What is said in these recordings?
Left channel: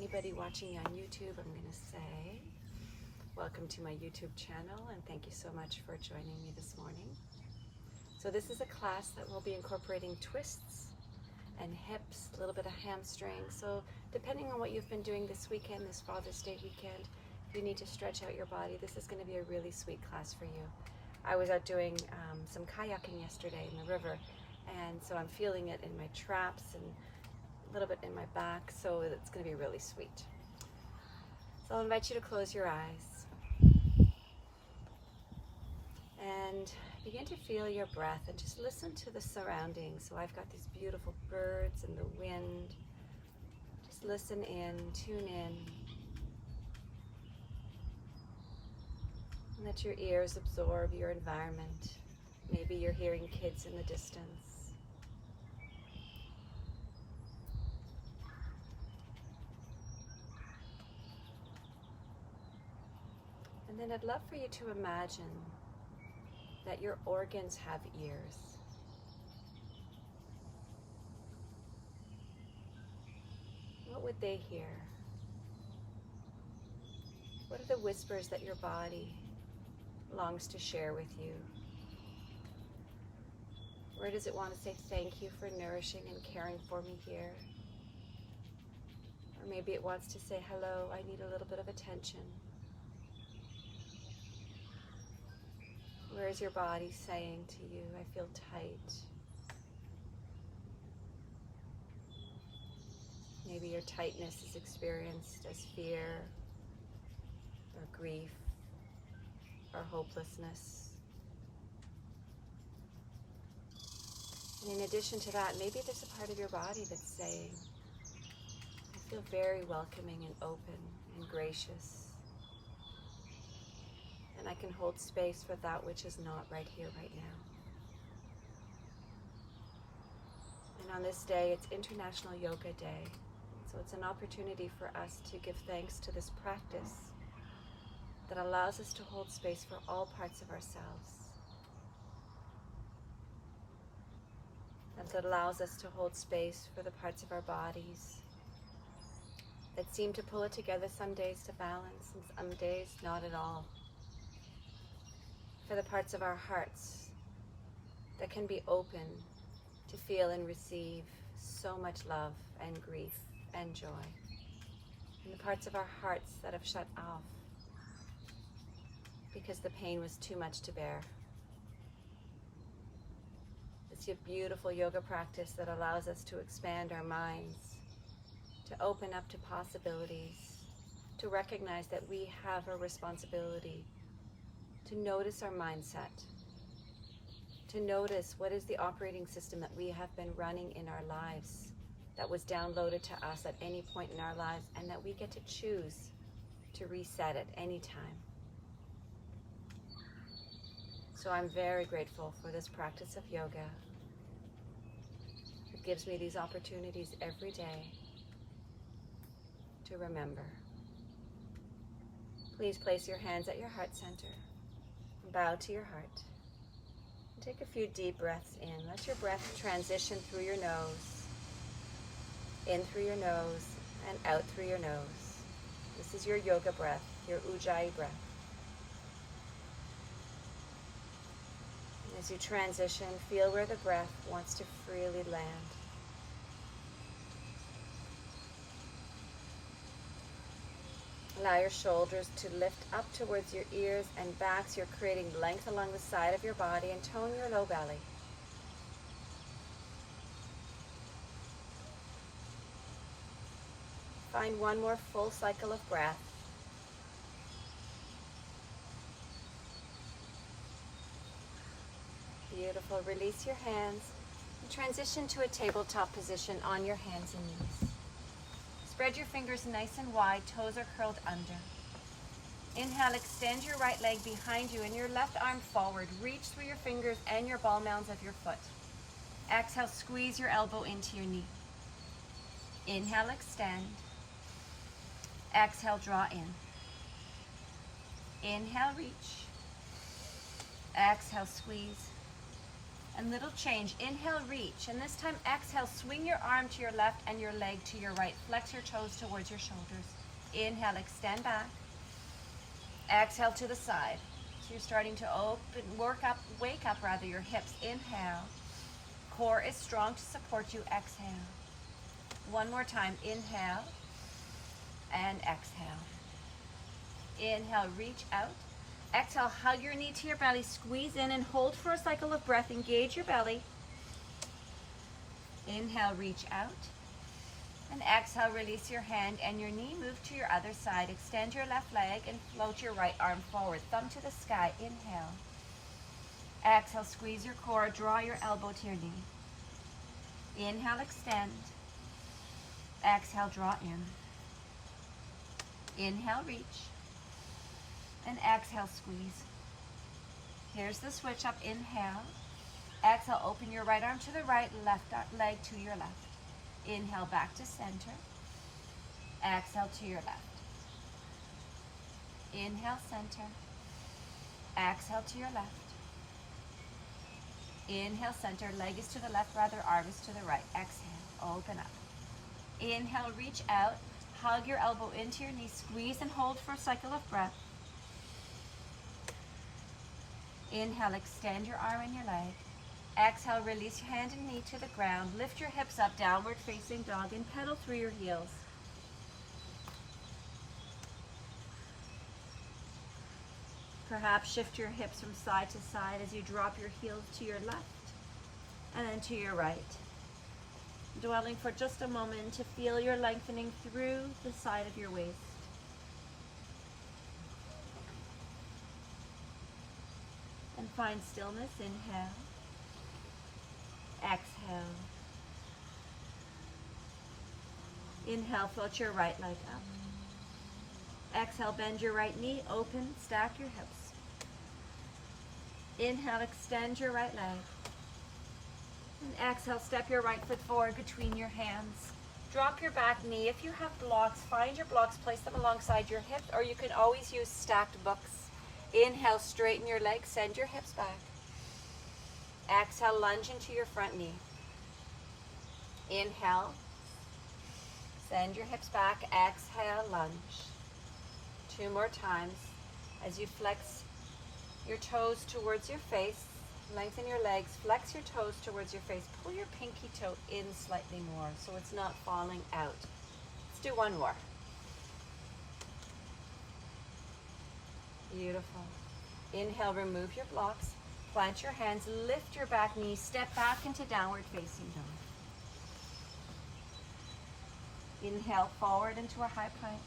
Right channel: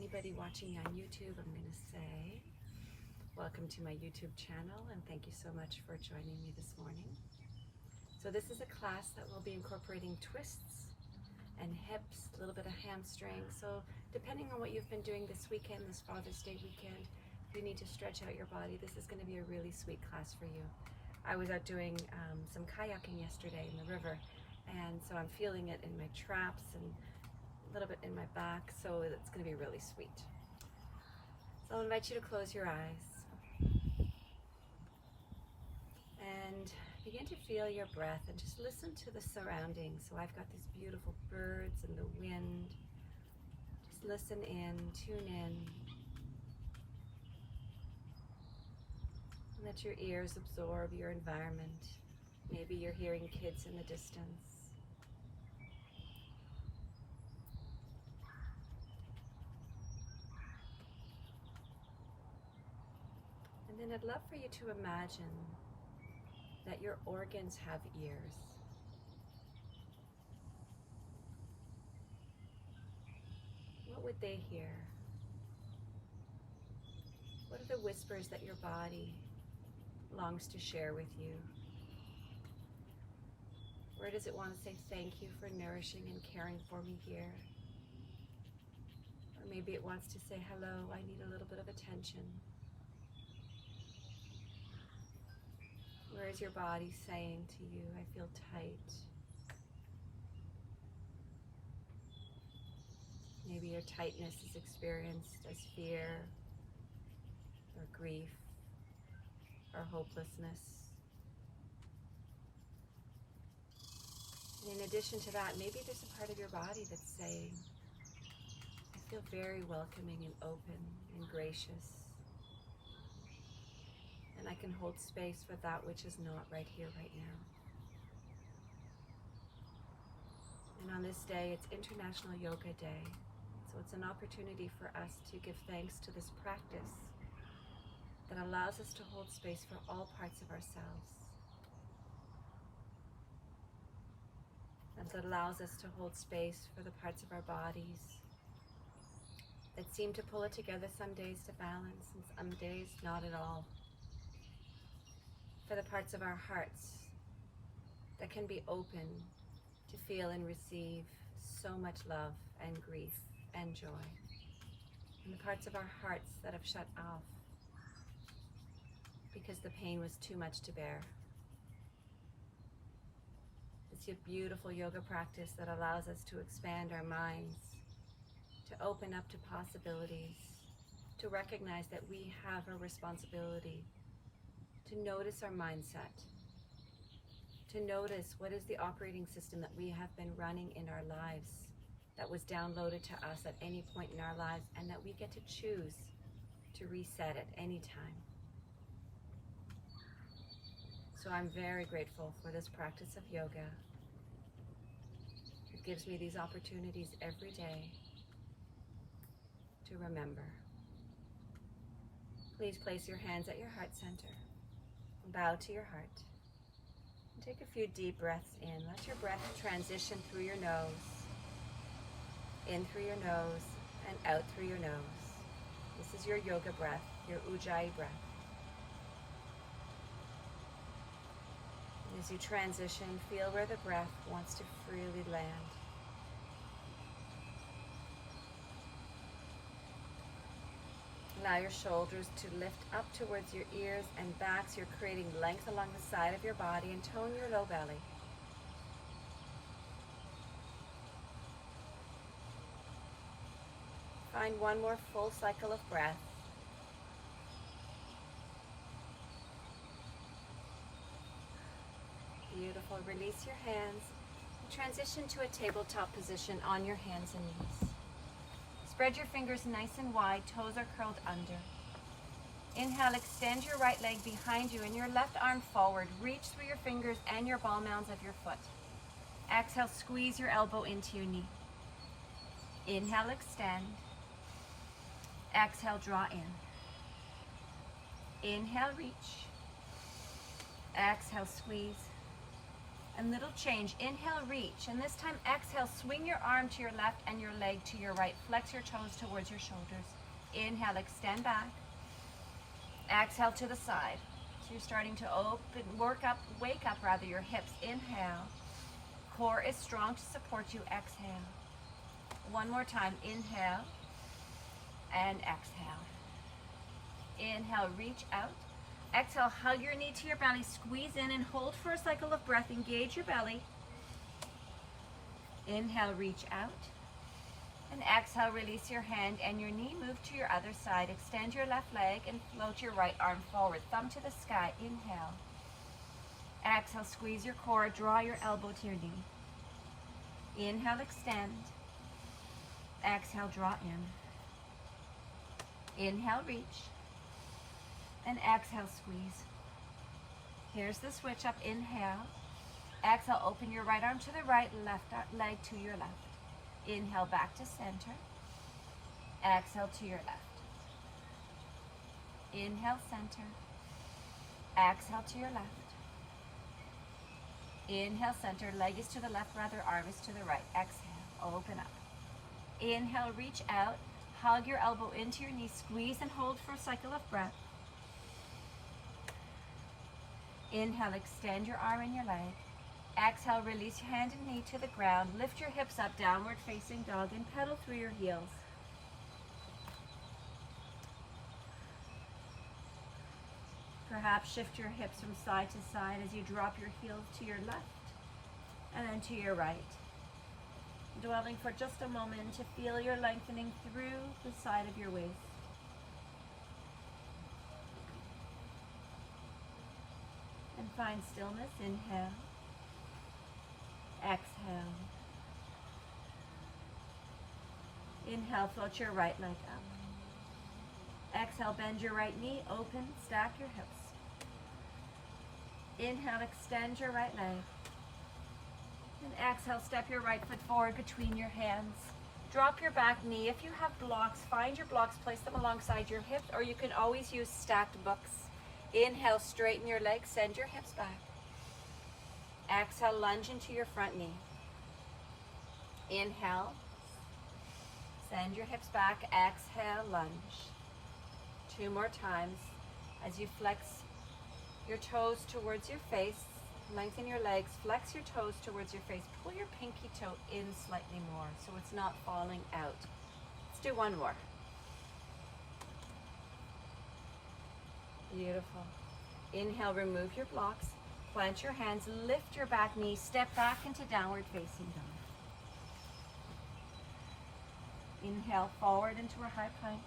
anybody watching me on YouTube, I'm going to say welcome to my YouTube channel and thank you so much for joining me this morning. So this is a class that will be incorporating twists and hips, a little bit of hamstring. So depending on what you've been doing this weekend, this Father's Day weekend, you need to stretch out your body. This is going to be a really sweet class for you. I was out doing some kayaking yesterday in the river, and so I'm feeling it in my traps and a little bit in my back, so it's going to be really sweet. So I'll invite you to close your eyes and begin to feel your breath and just listen to the surroundings. So I've got these beautiful birds and the wind. Just listen in, tune in. Let your ears absorb your environment. Maybe you're hearing kids in the distance. And then I'd love for you to imagine that your organs have ears. What would they hear? What are the whispers that your body longs to share with you? Where does it want to say thank you for nourishing and caring for me here? Or maybe it wants to say, hello, I need a little bit of attention. Where is your body saying to you, I feel tight? Maybe your tightness is experienced as fear or grief or hopelessness. And in addition to that, maybe there's a part of your body that's saying, I feel very welcoming and open and gracious. And I can hold space for that which is not right here, right now. And on this day, it's International Yoga Day. So it's an opportunity for us to give thanks to this practice that allows us to hold space for all parts of ourselves. And that allows us to hold space for the parts of our bodies that seem to pull it together some days to balance and some days not at all. For the parts of our hearts that can be open to feel and receive so much love and grief and joy. And the parts of our hearts that have shut off because the pain was too much to bear. It's a beautiful yoga practice that allows us to expand our minds, to open up to possibilities, to recognize that we have a responsibility to notice our mindset, to notice what is the operating system that we have been running in our lives that was downloaded to us at any point in our lives, and that we get to choose to reset it anytime. So I'm very grateful for this practice of yoga. It gives me these opportunities every day to remember. Please place your hands at your heart center. Bow to your heart. And take a few deep breaths in. Let your breath transition through your nose. In through your nose and out through your nose. This is your yoga breath, your Ujjayi breath. As you transition, feel where the breath wants to freely land. Allow your shoulders to lift up towards your ears and backs. You're creating length along the side of your body, and tone your low belly. Find one more full cycle of breath. Beautiful. Release your hands and transition to a tabletop position on your hands and knees. Spread your fingers nice and wide, toes are curled under. Inhale, extend your right leg behind you and your left arm forward. Reach through your fingers and your ball mounds of your foot. Exhale, squeeze your elbow into your knee. Inhale, extend. Exhale, draw in. Inhale, reach. Exhale, squeeze. And little change. Inhale, reach. And this time, exhale, swing your arm to your left and your leg to your right. Flex your toes towards your shoulders. Inhale, extend back. Exhale to the side. So you're starting to wake up your hips. Inhale. Core is strong to support you. Exhale. One more time. Inhale and exhale. Inhale, reach out. Exhale, hug your knee to your belly. Squeeze in and hold for a cycle of breath. Engage your belly. Inhale, reach out. And exhale, release your hand and your knee. Move to your other side. Extend your left leg and float your right arm forward. Thumb to the sky. Inhale. Exhale, squeeze your core. Draw your elbow to your knee. Inhale, extend. Exhale, draw in. Inhale, reach. And exhale, squeeze. Here's the switch up. Inhale. Exhale, open your right arm to the right, left leg to your left. Inhale, back to center. Exhale to your left. Inhale, center. Exhale to your left. Inhale, center. Leg is to the left, arm is to the right. Exhale, open up. Inhale, reach out. Hug your elbow into your knee. Squeeze and hold for a cycle of breath. Inhale, extend your arm and your leg. Exhale, release your hand and knee to the ground. Lift your hips up, downward facing dog, and pedal through your heels. Perhaps shift your hips from side to side as you drop your heels to your left and then to your right. Dwelling for just a moment to feel your lengthening through the side of your waist. And find stillness. Inhale. Exhale. Inhale, float your right leg up. Exhale, bend your right knee, open, stack your hips. Inhale, extend your right leg. And exhale, step your right foot forward between your hands. Drop your back knee. If you have blocks, find your blocks, place them alongside your hips, or you can always use stacked books. Inhale, straighten your legs, send your hips back. Exhale, lunge into your front knee. Inhale, send your hips back. Exhale, lunge. 2 more times as you flex your toes towards your face. Lengthen your legs, flex your toes towards your face. Pull your pinky toe in slightly more so it's not falling out. Let's do 1 more. Beautiful. Inhale, remove your blocks. Plant your hands, lift your back knee, step back into downward facing dog. Inhale, forward into a high plank.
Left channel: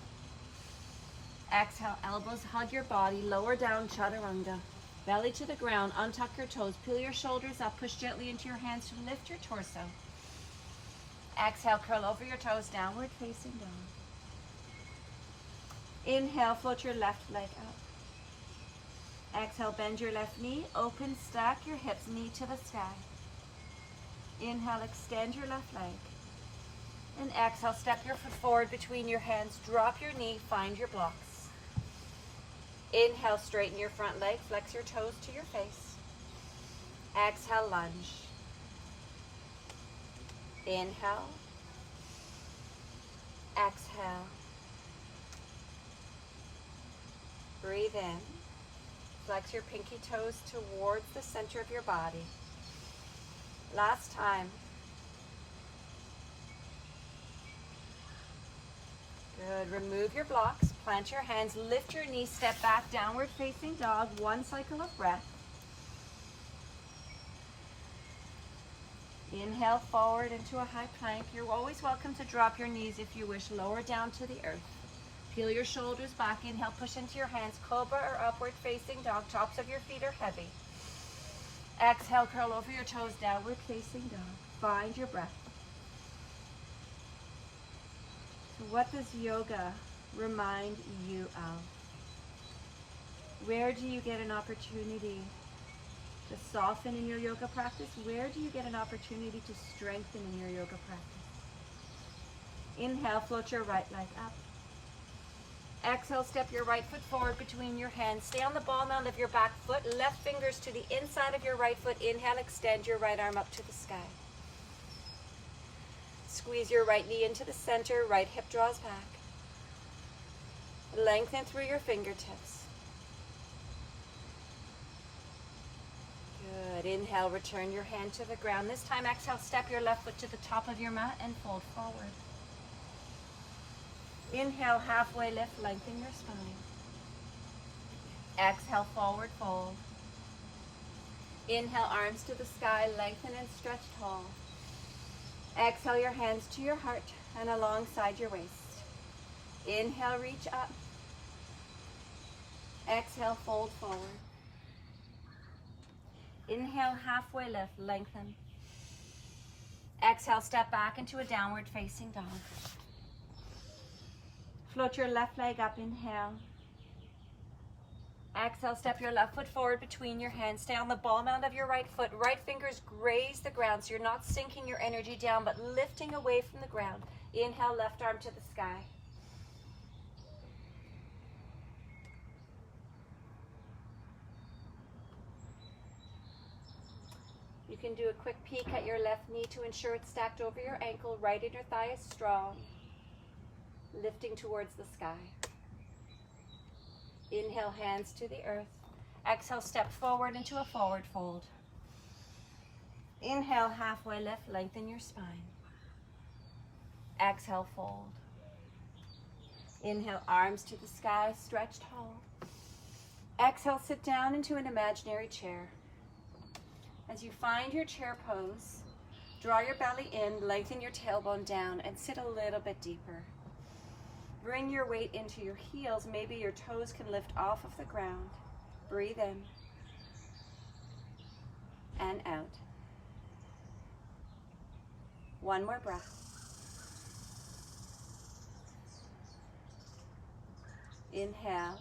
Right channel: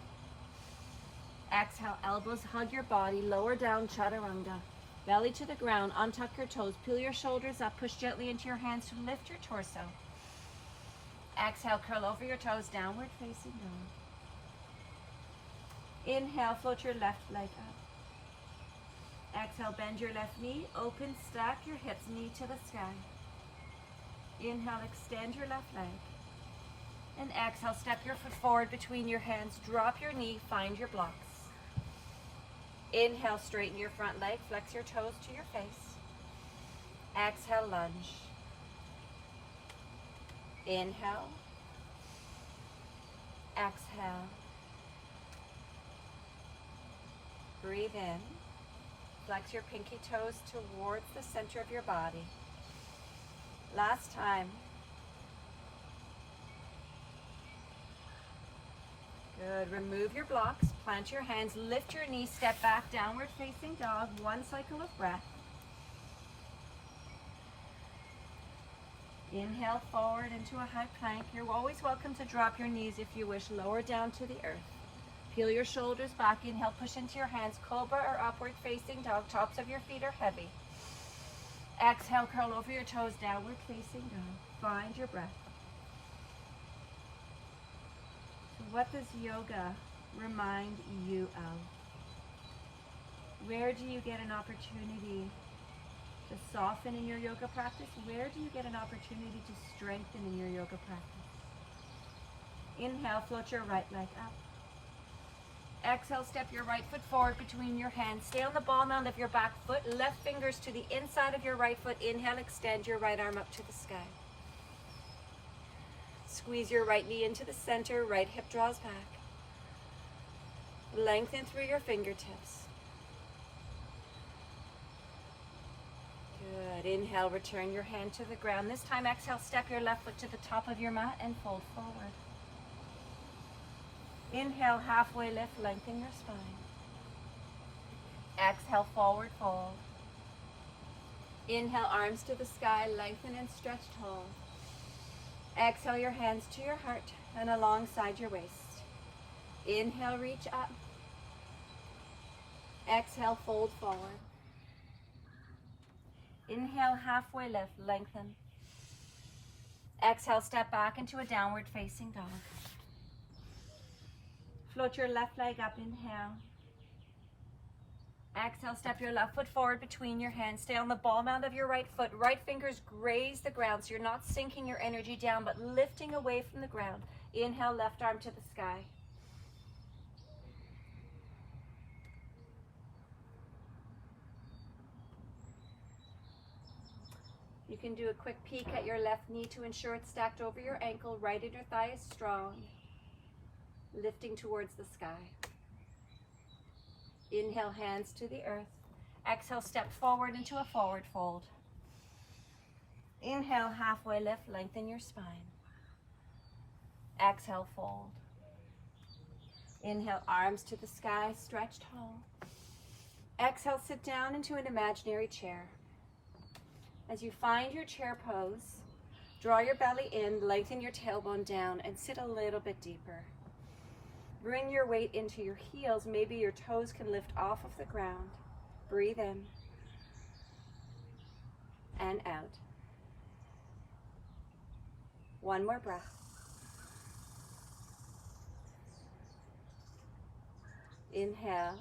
Exhale, elbows hug your body, lower down, chaturanga. Belly to the ground, untuck your toes, peel your shoulders up, push gently into your hands to lift your torso. Exhale, curl over your toes, downward facing dog. Inhale, float your left leg up. Exhale, bend your left knee, open, stack your hips, knee to the sky. Inhale, extend your left leg. And exhale, step your foot forward between your hands, drop your knee, find your blocks. Inhale, straighten your front leg, flex your toes to your face. Exhale, lunge. Inhale. Exhale. Breathe in. Flex your pinky toes towards the center of your body. Last time. Good. Remove your blocks. Plant your hands. Lift your knees. Step back. Downward facing dog. 1 cycle of breath. Inhale forward into a high plank. You're always welcome to drop your knees if you wish. Lower down to the earth. Peel your shoulders back. Inhale. Push into your hands. Cobra or upward facing dog. Tops of your feet are heavy. Exhale. Curl over your toes. Downward facing dog. Find your breath. What does yoga remind you of? Where do you get an opportunity to soften in your yoga practice? Where do you get an opportunity to strengthen in your yoga practice? Inhale, float your right leg up. Exhale, step your right foot forward between your hands. Stay on the ball mound of your back foot. Left fingers to the inside of your right foot. Inhale, extend your right arm up to the sky. Squeeze your right knee into the center. Right hip draws back. Lengthen through your fingertips. Good. Inhale, return your hand to the ground. This time, exhale, step your left foot to the top of your mat and fold forward. Inhale, halfway lift, lengthen your spine. Exhale, forward fold. Inhale, arms to the sky, lengthen and stretch tall. Exhale, your hands to your heart and alongside your waist. Inhale, reach up. Exhale, fold forward. Inhale, halfway lift, lengthen. Exhale, step back into a downward facing dog. Float your left leg up, inhale. Exhale, step your left foot forward between your hands. Stay on the ball mound of your right foot. Right fingers graze the ground, so you're not sinking your energy down, but lifting away from the ground. Inhale, left arm to the sky. You can do a quick peek at your left knee to ensure it's stacked over your ankle. Right inner thigh is strong, lifting towards the sky. Inhale, hands to the earth. Exhale, step forward into a forward fold. Inhale, halfway lift, lengthen your spine. Exhale, fold. Inhale, arms to the sky, stretch tall. Exhale, sit down into an imaginary chair. As you find your chair pose, draw your belly in, lengthen your tailbone down, and sit a little bit deeper. Bring your weight into your heels. Maybe your toes can lift off of the ground. Breathe in and out. One more breath. Inhale.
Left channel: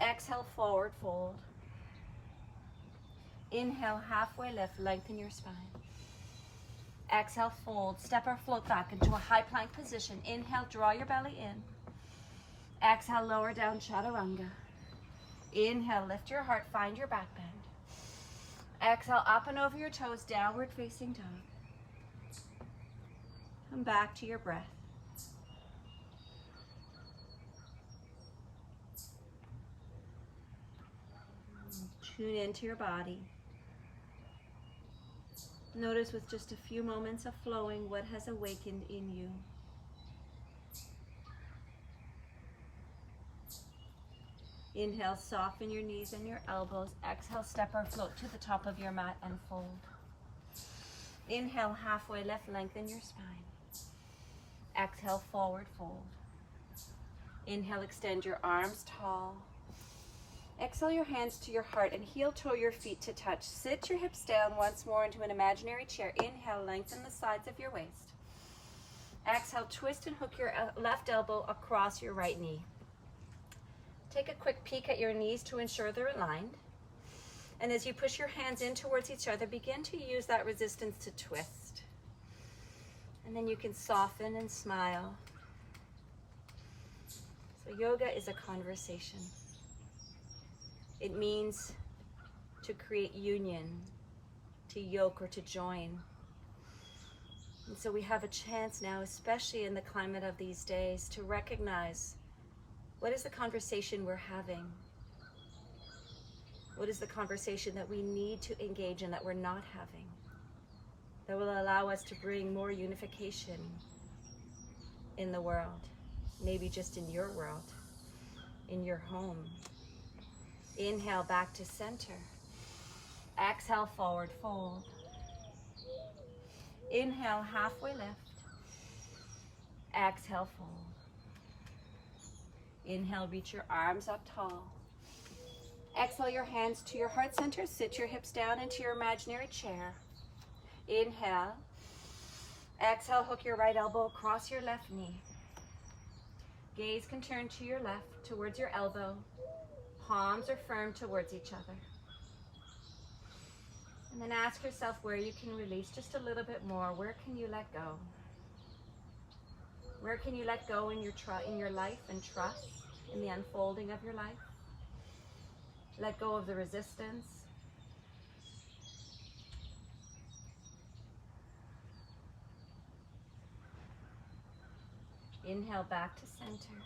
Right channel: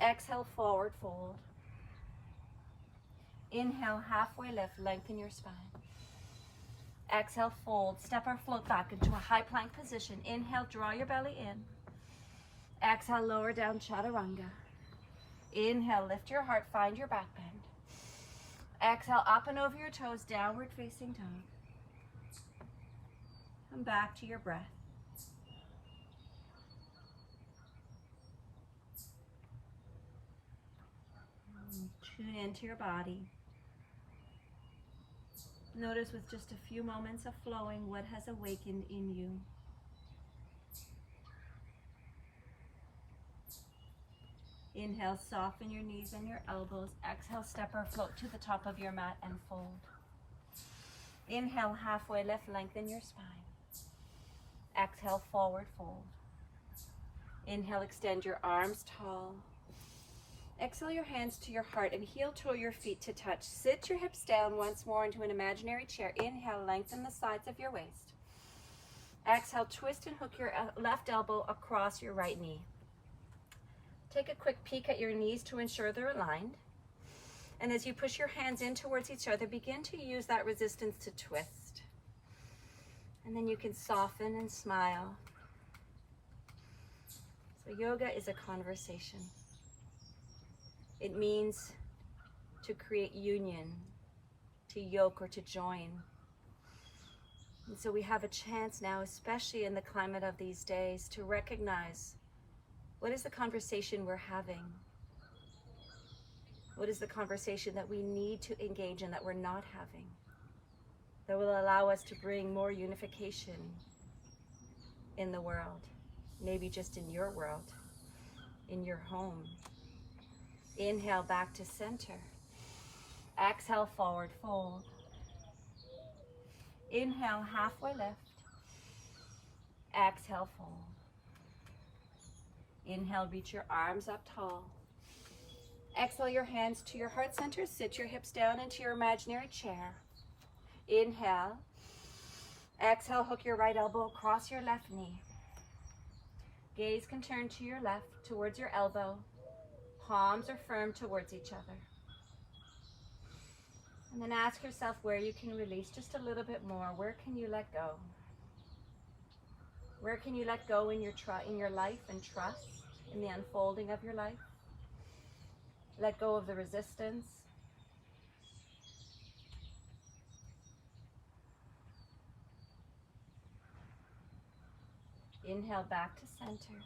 Exhale, forward fold. Inhale, halfway lift, lengthen your spine. Exhale, fold, step or float back into a high plank position. Inhale, draw your belly in. Exhale, lower down, chaturanga. Inhale, lift your heart, find your back bend. Exhale, up and over your toes, downward facing dog. Come back to your breath. Tune into your body. Notice with just a few moments of flowing what has awakened in you. Inhale, soften your knees and your elbows. Exhale, step or float to the top of your mat and fold. Inhale, halfway lift, lengthen your spine. Exhale, forward fold. Inhale, extend your arms tall. Exhale your hands to your heart and heel toe your feet to touch. Sit your hips down once more into an imaginary chair. Inhale, lengthen the sides of your waist. Exhale, twist and hook your left elbow across your right knee. Take a quick peek at your knees to ensure they're aligned. And as you push your hands in towards each other, begin to use that resistance to twist. And then you can soften and smile. So yoga is a conversation. It means to create union, to yoke or to join. And so we have a chance now, especially in the climate of these days, to recognize what is the conversation we're having? What is the conversation that we need to engage in that we're not having? That will allow us to bring more unification in the world, maybe just in your world, in your home. Inhale, back to center. Exhale, forward fold. Inhale, halfway lift. Exhale, fold. Inhale, reach your arms up tall. Exhale your hands to your heart center. Sit your hips down into your imaginary chair. Inhale. Exhale, hook your right elbow across your left knee. Gaze can turn to your left, towards your elbow. Palms are firm towards each other. And then ask yourself where you can release just a little bit more. Where can you let go? Where can you let go in your life and trust in the unfolding of your life. Let go of the resistance. Inhale back to center.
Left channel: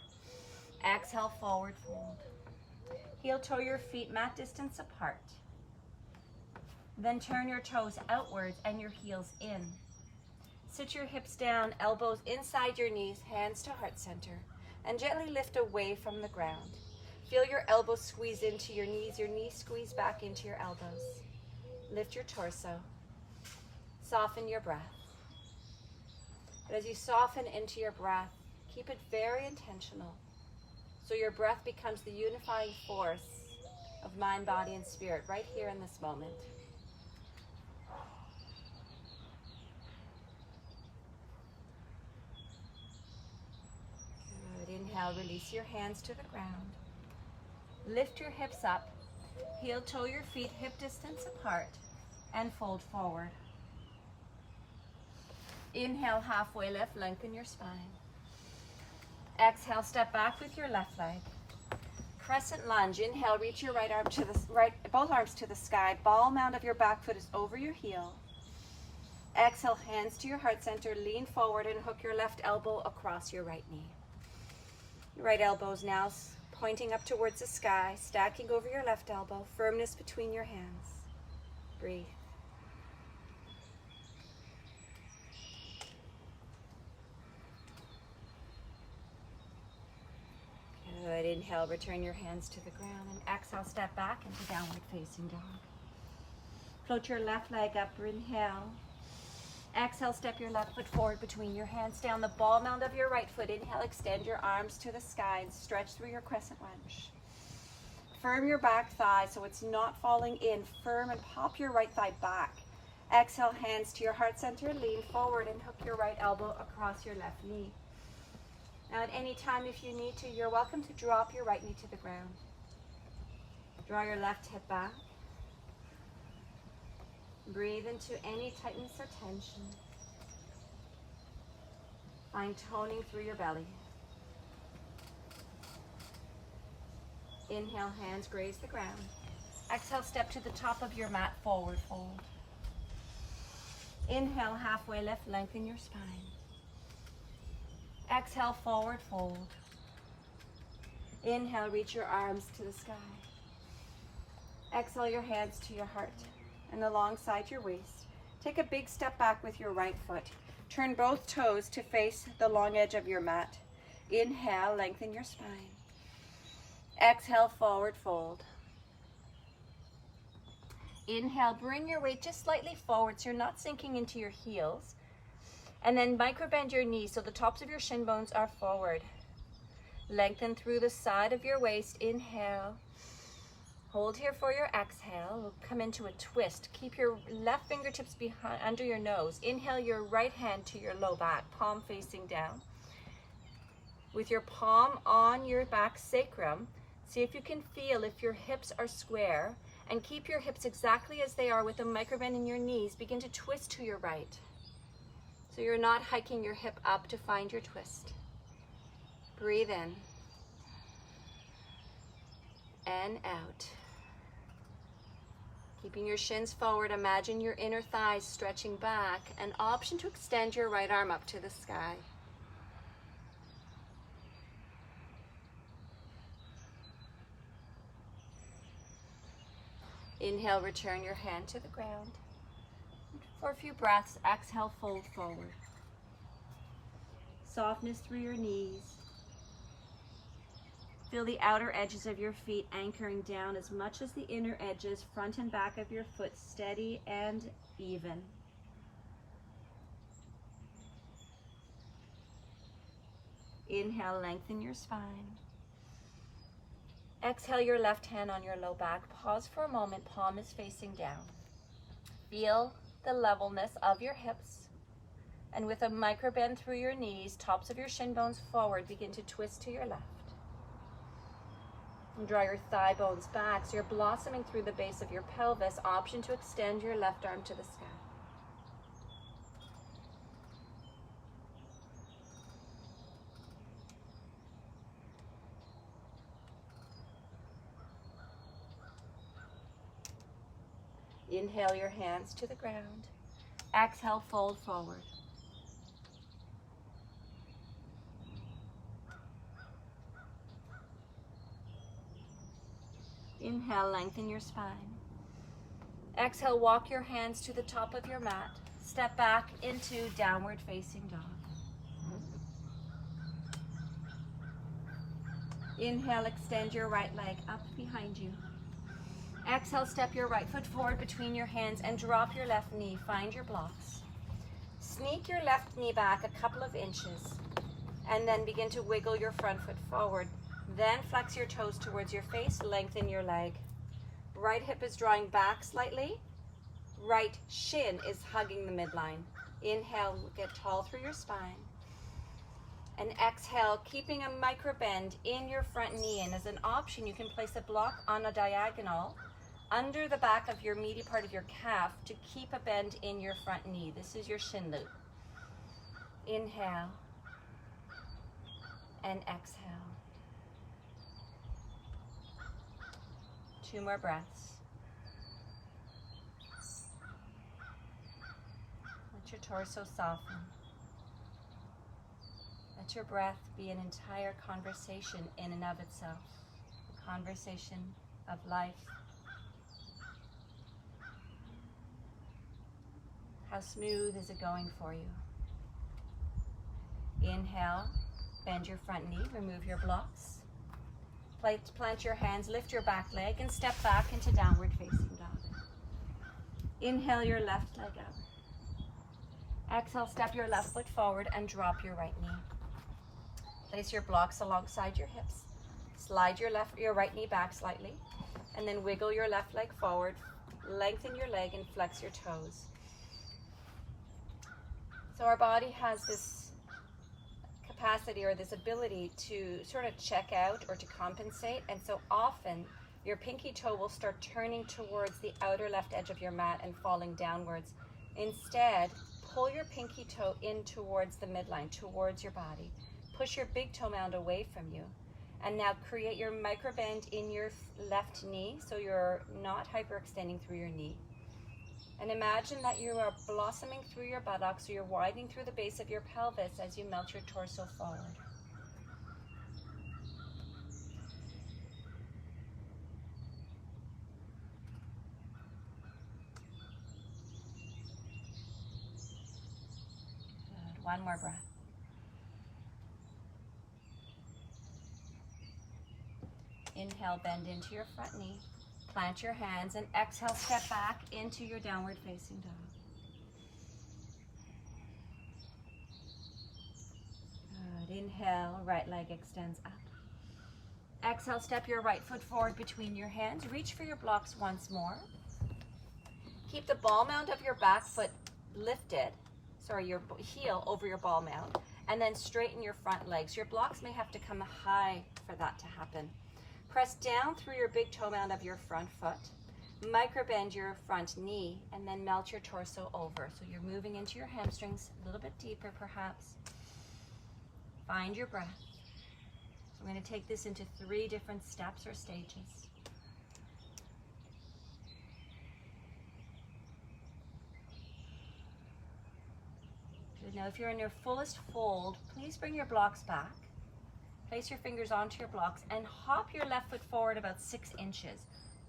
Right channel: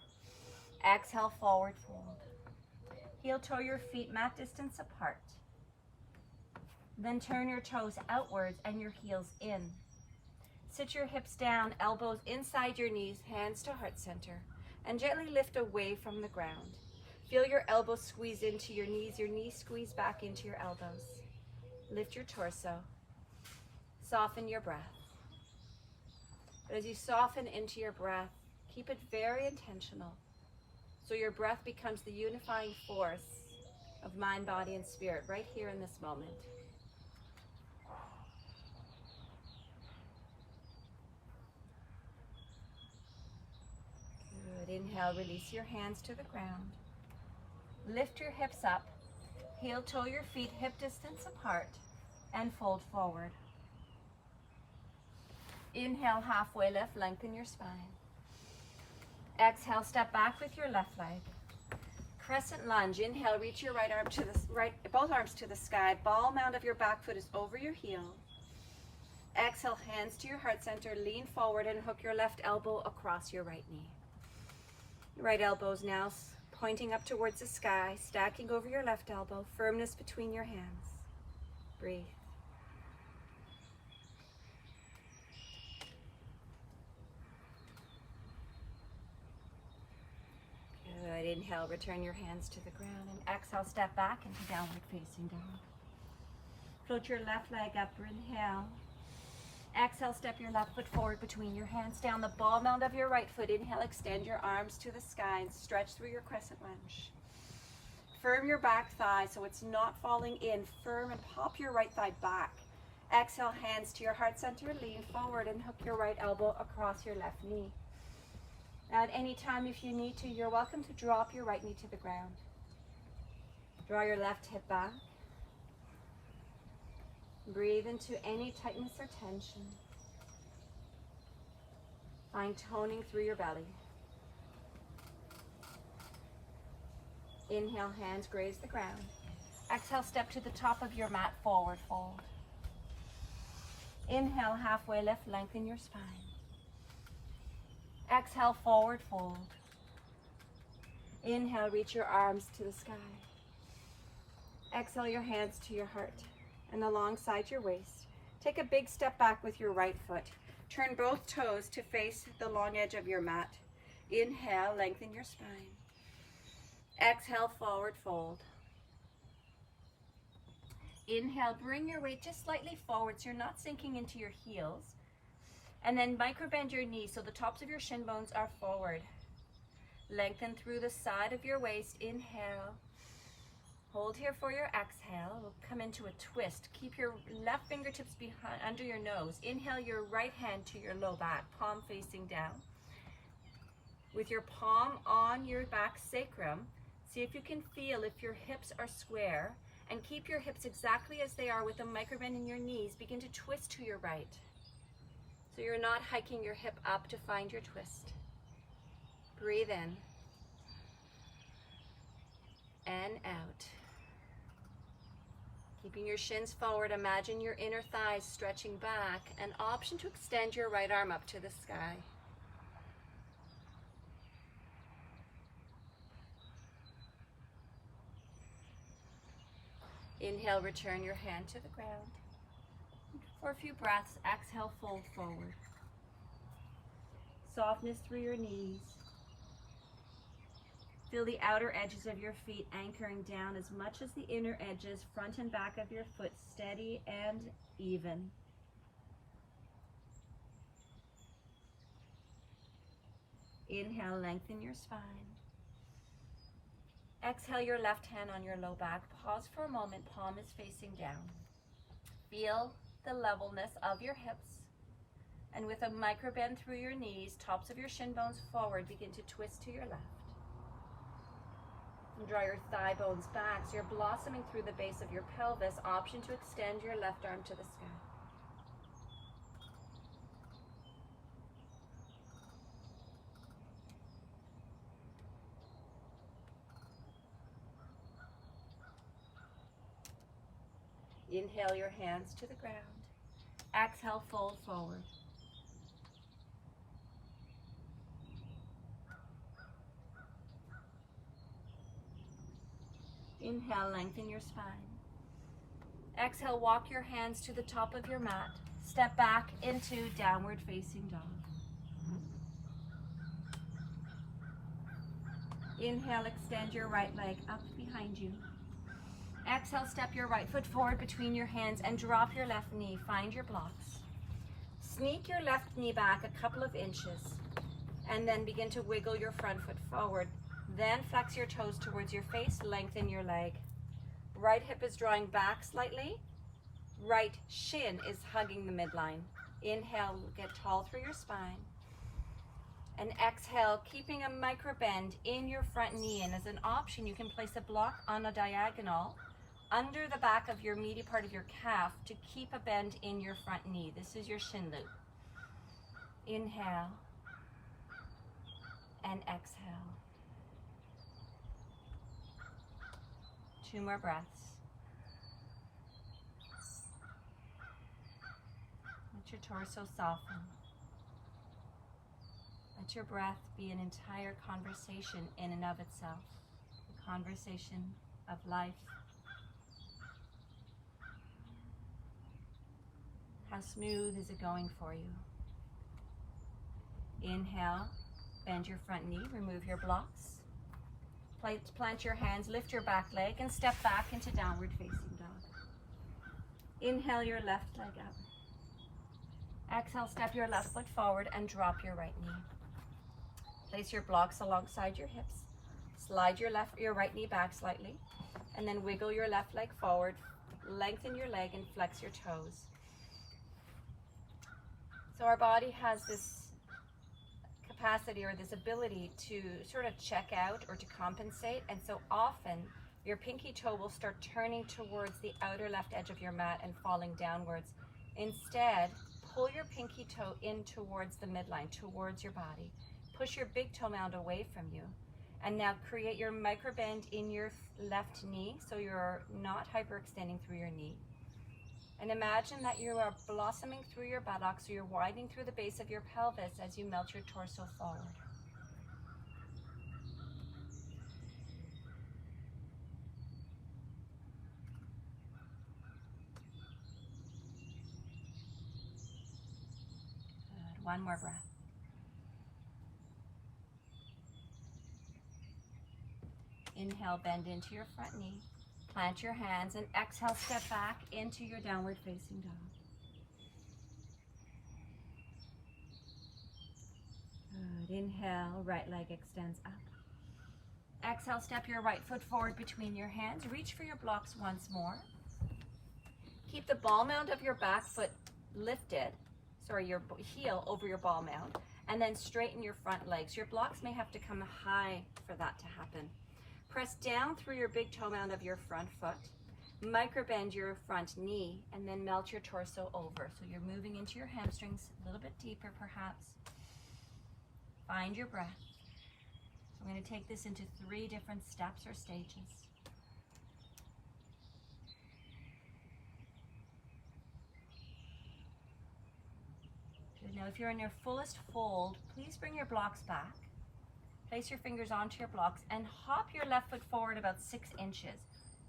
Exhale, forward fold. Heel toe your feet mat distance apart. Then turn your toes outwards and your heels in. Sit your hips down, elbows inside your knees, hands to heart center, and gently lift away from the ground. Feel your elbows squeeze into your knees squeeze back into your elbows. Lift your torso. Soften your breath. But as you soften into your breath, keep it very intentional, so your breath becomes the unifying force of mind, body, and spirit right here in this moment. Good. Inhale, release your hands to the ground. Lift your hips up. Heel toe your feet hip distance apart and fold forward. Inhale, halfway lift, lengthen your spine. Exhale, step back with your left leg. Crescent lunge. Inhale, reach your right arm to the both arms to the sky. Ball mound of your back foot is over your heel. Exhale, hands to your heart center. Lean forward and hook your left elbow across your right knee. Your right elbow is now pointing up towards the sky, stacking over your left elbow. Firmness between your hands. Breathe. Good. Inhale, return your hands to the ground, and exhale, step back into downward facing dog. Float your left leg up, inhale. Exhale, step your left foot forward between your hands, down the ball mound of your right foot. Inhale, extend your arms to the sky and stretch through your crescent lunge. Firm your back thigh so it's not falling in. Firm and pop your right thigh back. Exhale, hands to your heart center, lean forward and hook your right elbow across your left knee. Now at any time, if you need to, you're welcome to drop your right knee to the ground. Draw your left hip back. Breathe into any tightness or tension. Find toning through your belly. Inhale, hands graze the ground. Exhale, step to the top of your mat, forward fold. Inhale, halfway lift, lengthen your spine. Exhale, forward fold. Inhale, reach your arms to the sky. Exhale, your hands to your heart and alongside your waist. Take a big step back with your right foot. Turn both toes to face the long edge of your mat. Inhale, lengthen your spine. Exhale, forward fold. Inhale, bring your weight just slightly forward so you're not sinking into your heels. And then micro bend your knees so the tops of your shin bones are forward. Lengthen through the side of your waist. Inhale. Hold here for your exhale. We'll come into a twist. Keep your left fingertips behind under your nose. Inhale your right hand to your low back, palm facing down. With your palm on your back sacrum, see if you can feel if your hips are square, and keep your hips exactly as they are with a micro bend in your knees. Begin to twist to your right. So you're not hiking your hip up to find your twist. Breathe in and out. Keeping your shins forward, imagine your inner thighs stretching back. An option to extend your right arm up to the sky. Inhale, return your hand to the ground. For a few breaths, exhale, fold forward. Softness through your knees. Feel the outer edges of your feet anchoring down as much as the inner edges, front and back of your foot, steady and even. Inhale, lengthen your spine. Exhale your left hand on your low back. Pause for a moment, palm is facing down. Feel the levelness of your hips. And with a micro bend through your knees, tops of your shin bones forward, begin to twist to your left. And draw your thigh bones back so you're blossoming through the base of your pelvis. Option to extend your left arm to the sky. Inhale your hands to the ground. Exhale, fold forward. Inhale, lengthen your spine. Exhale, walk your hands to the top of your mat. Step back into downward facing dog. Inhale, extend your right leg up behind you. Exhale, step your right foot forward between your hands and drop your left knee. Find your blocks. Sneak your left knee back a couple of inches and then begin to wiggle your front foot forward. Then flex your toes towards your face, lengthen your leg. Right hip is drawing back slightly. Right shin is hugging the midline. Inhale, get tall through your spine. And exhale, keeping a micro bend in your front knee. And as an option, you can place a block on a diagonal under the back of your meaty part of your calf to keep a bend in your front knee. This is your shin loop. Inhale and exhale. 2 more breaths. Let your torso soften. Let your breath be an entire conversation in and of itself, a conversation of life. How smooth is it going for you? Inhale, bend your front knee, remove your blocks. Plant your hands, lift your back leg, and step back into downward facing dog. Inhale your left leg out. Exhale, step your left foot forward and drop your right knee. Place your blocks alongside your hips. Slide your right knee back slightly, and then wiggle your left leg forward. Lengthen your leg and flex your toes. So our body has this capacity or this ability to sort of check out or to compensate, and so often your pinky toe will start turning towards the outer left edge of your mat and falling downwards. Instead, pull your pinky toe in towards the midline, towards your body. Push your big toe mound away from you, and now create your micro bend in your left knee so you're not hyperextending through your knee. And imagine that you are blossoming through your buttocks, so you're widening through the base of your pelvis as you melt your torso forward. Good. 1 more breath. Inhale, bend into your front knee. Plant your hands and exhale, step back into your downward facing dog. Good. Inhale, right leg extends up. Exhale, step your right foot forward between your hands. Reach for your blocks once more. Keep the ball mound of your back foot lifted, your heel over your ball mound, and then straighten your front legs. Your blocks may have to come high for that to happen. Press down through your big toe mound of your front foot. Micro bend your front knee and then melt your torso over. So you're moving into your hamstrings a little bit deeper perhaps. Find your breath. So I'm going to take this into 3 different steps or stages. Good. Now if you're in your fullest fold, please bring your blocks back. Place your fingers onto your blocks and hop your left foot forward about 6 inches.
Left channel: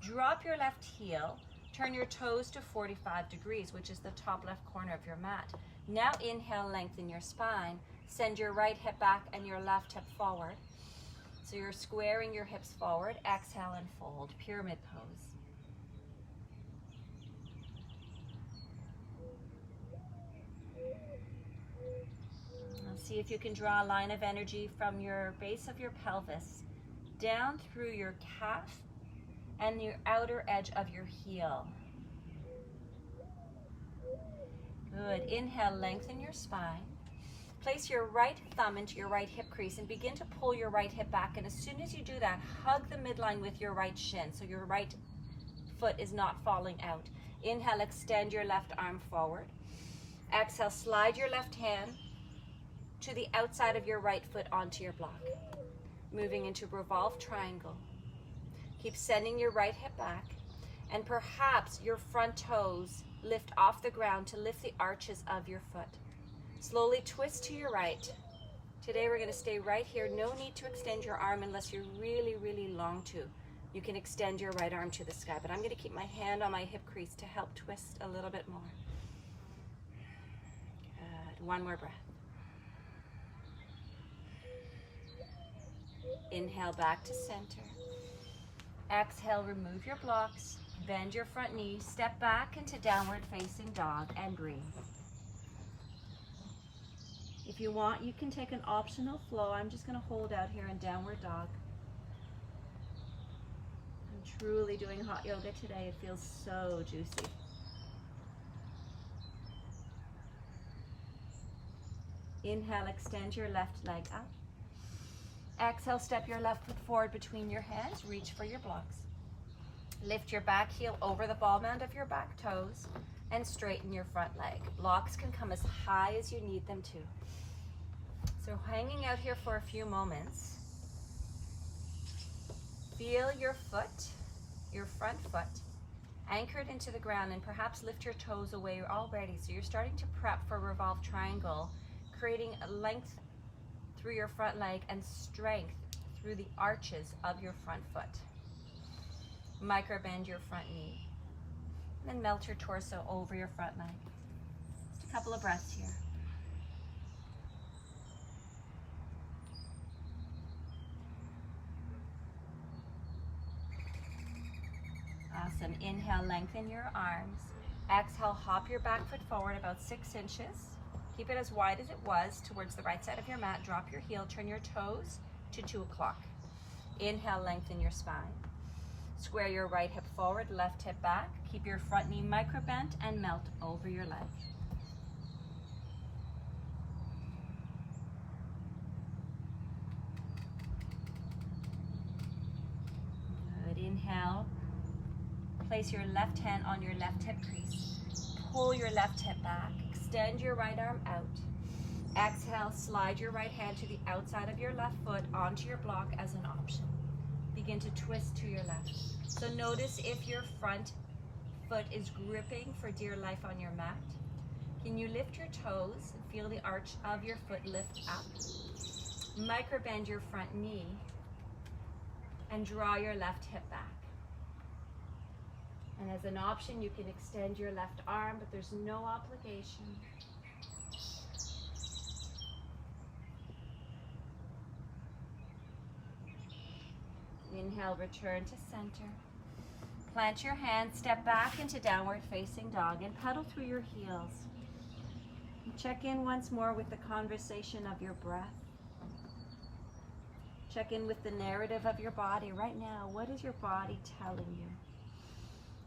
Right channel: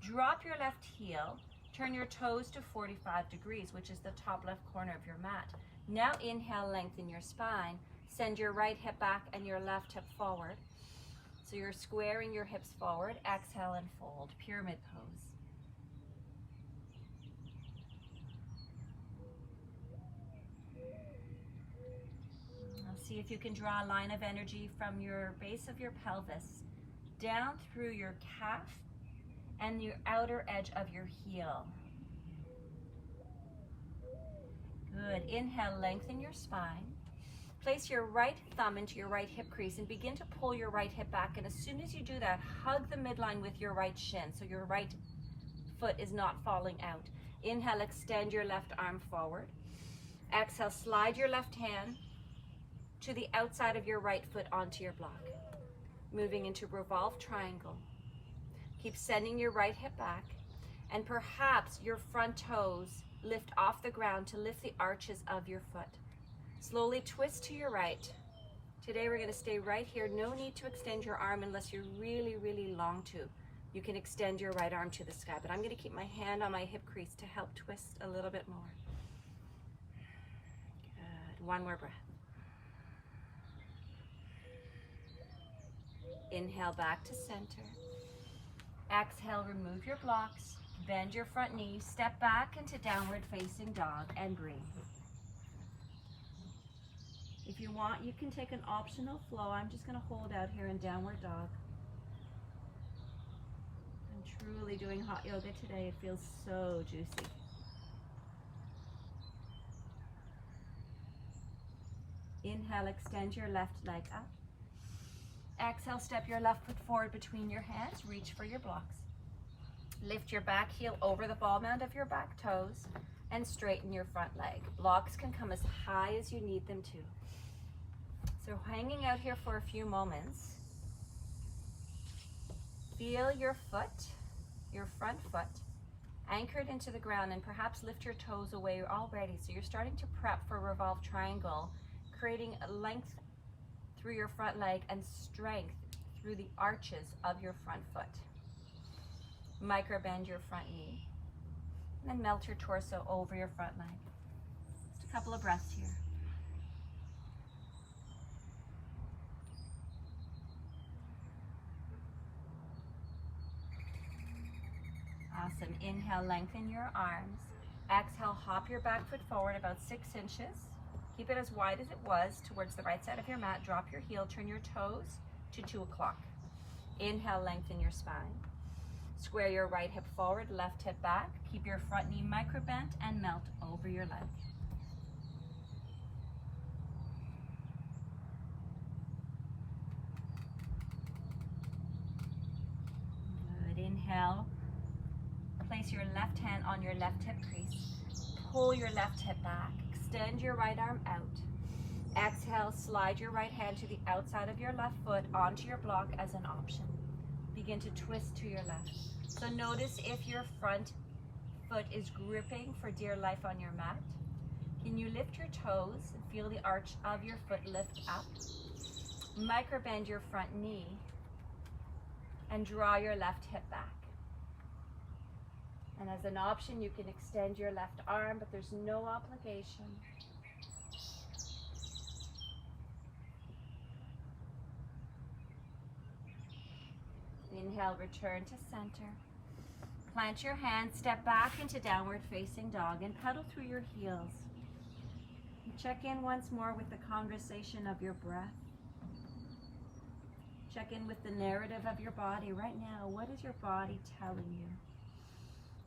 Drop your left heel, turn your toes to 45 degrees, which is the top left corner of your mat. Now inhale, lengthen your spine. Send your right hip back and your left hip forward. So you're squaring your hips forward. Exhale and fold, pyramid pose. See if you can draw a line of energy from your base of your pelvis down through your calf and your outer edge of your heel. Good. Inhale, lengthen your spine. Place your right thumb into your right hip crease and begin to pull your right hip back. And as soon as you do that, hug the midline with your right shin so your right foot is not falling out. Inhale, extend your left arm forward. Exhale, slide your left hand to the outside of your right foot onto your block. Moving into revolve triangle. Keep sending your right hip back And perhaps your front toes lift off the ground to lift the arches of your foot. Slowly twist to your right. Today we're going to stay right here. No need to extend your arm unless you really long to. You can extend your right arm to the sky, but I'm going to keep my hand on my hip crease to help twist a little bit more. Good. One more breath. Inhale back to center. Exhale, remove your blocks. Bend your front knee. Step back into downward facing dog and breathe. If you want, you can take an optional flow. I'm just going to hold out here in downward dog. I'm truly doing hot yoga today. It feels so juicy. Inhale, extend your left leg up. Exhale, step your left foot forward between your hands. Reach for your blocks. Lift your back heel over the ball mound of your back toes and straighten your front leg. Blocks can come as high as you need them to. So hanging out here for a few moments, feel your foot, your front foot, anchored into the ground, and perhaps lift your toes away already. So you're starting to prep for revolved triangle, creating a length through your front leg and strength through the arches of your front foot. Micro bend your front knee, and then melt your torso over your front leg. Just a couple of breaths here. Awesome. Inhale, lengthen your arms. Exhale, hop your back foot forward about 6 inches. Keep it as wide as it was towards the right side of your mat. Drop your heel, turn your toes to 2 o'clock. Inhale, lengthen your spine. Square your right hip forward, left hip back. Keep your front knee micro bent and melt over your leg. Good. Inhale. Place your left hand on your left hip crease. Pull your left hip back. Extend your right arm out. Exhale, slide your right hand to the outside of your left foot onto your block as an option. Begin to twist to your left. So notice if your front foot is gripping for dear life on your mat. Can you lift your toes and feel the arch of your foot lift up? Micro bend your front knee and draw your left hip back. And as an option, you can extend your left arm, but there's no obligation. Inhale, return to center. Plant your hands, step back into downward facing dog and pedal through your heels. Check in once more with the conversation of your breath. Check in with the narrative of your body right now. What is your body telling you?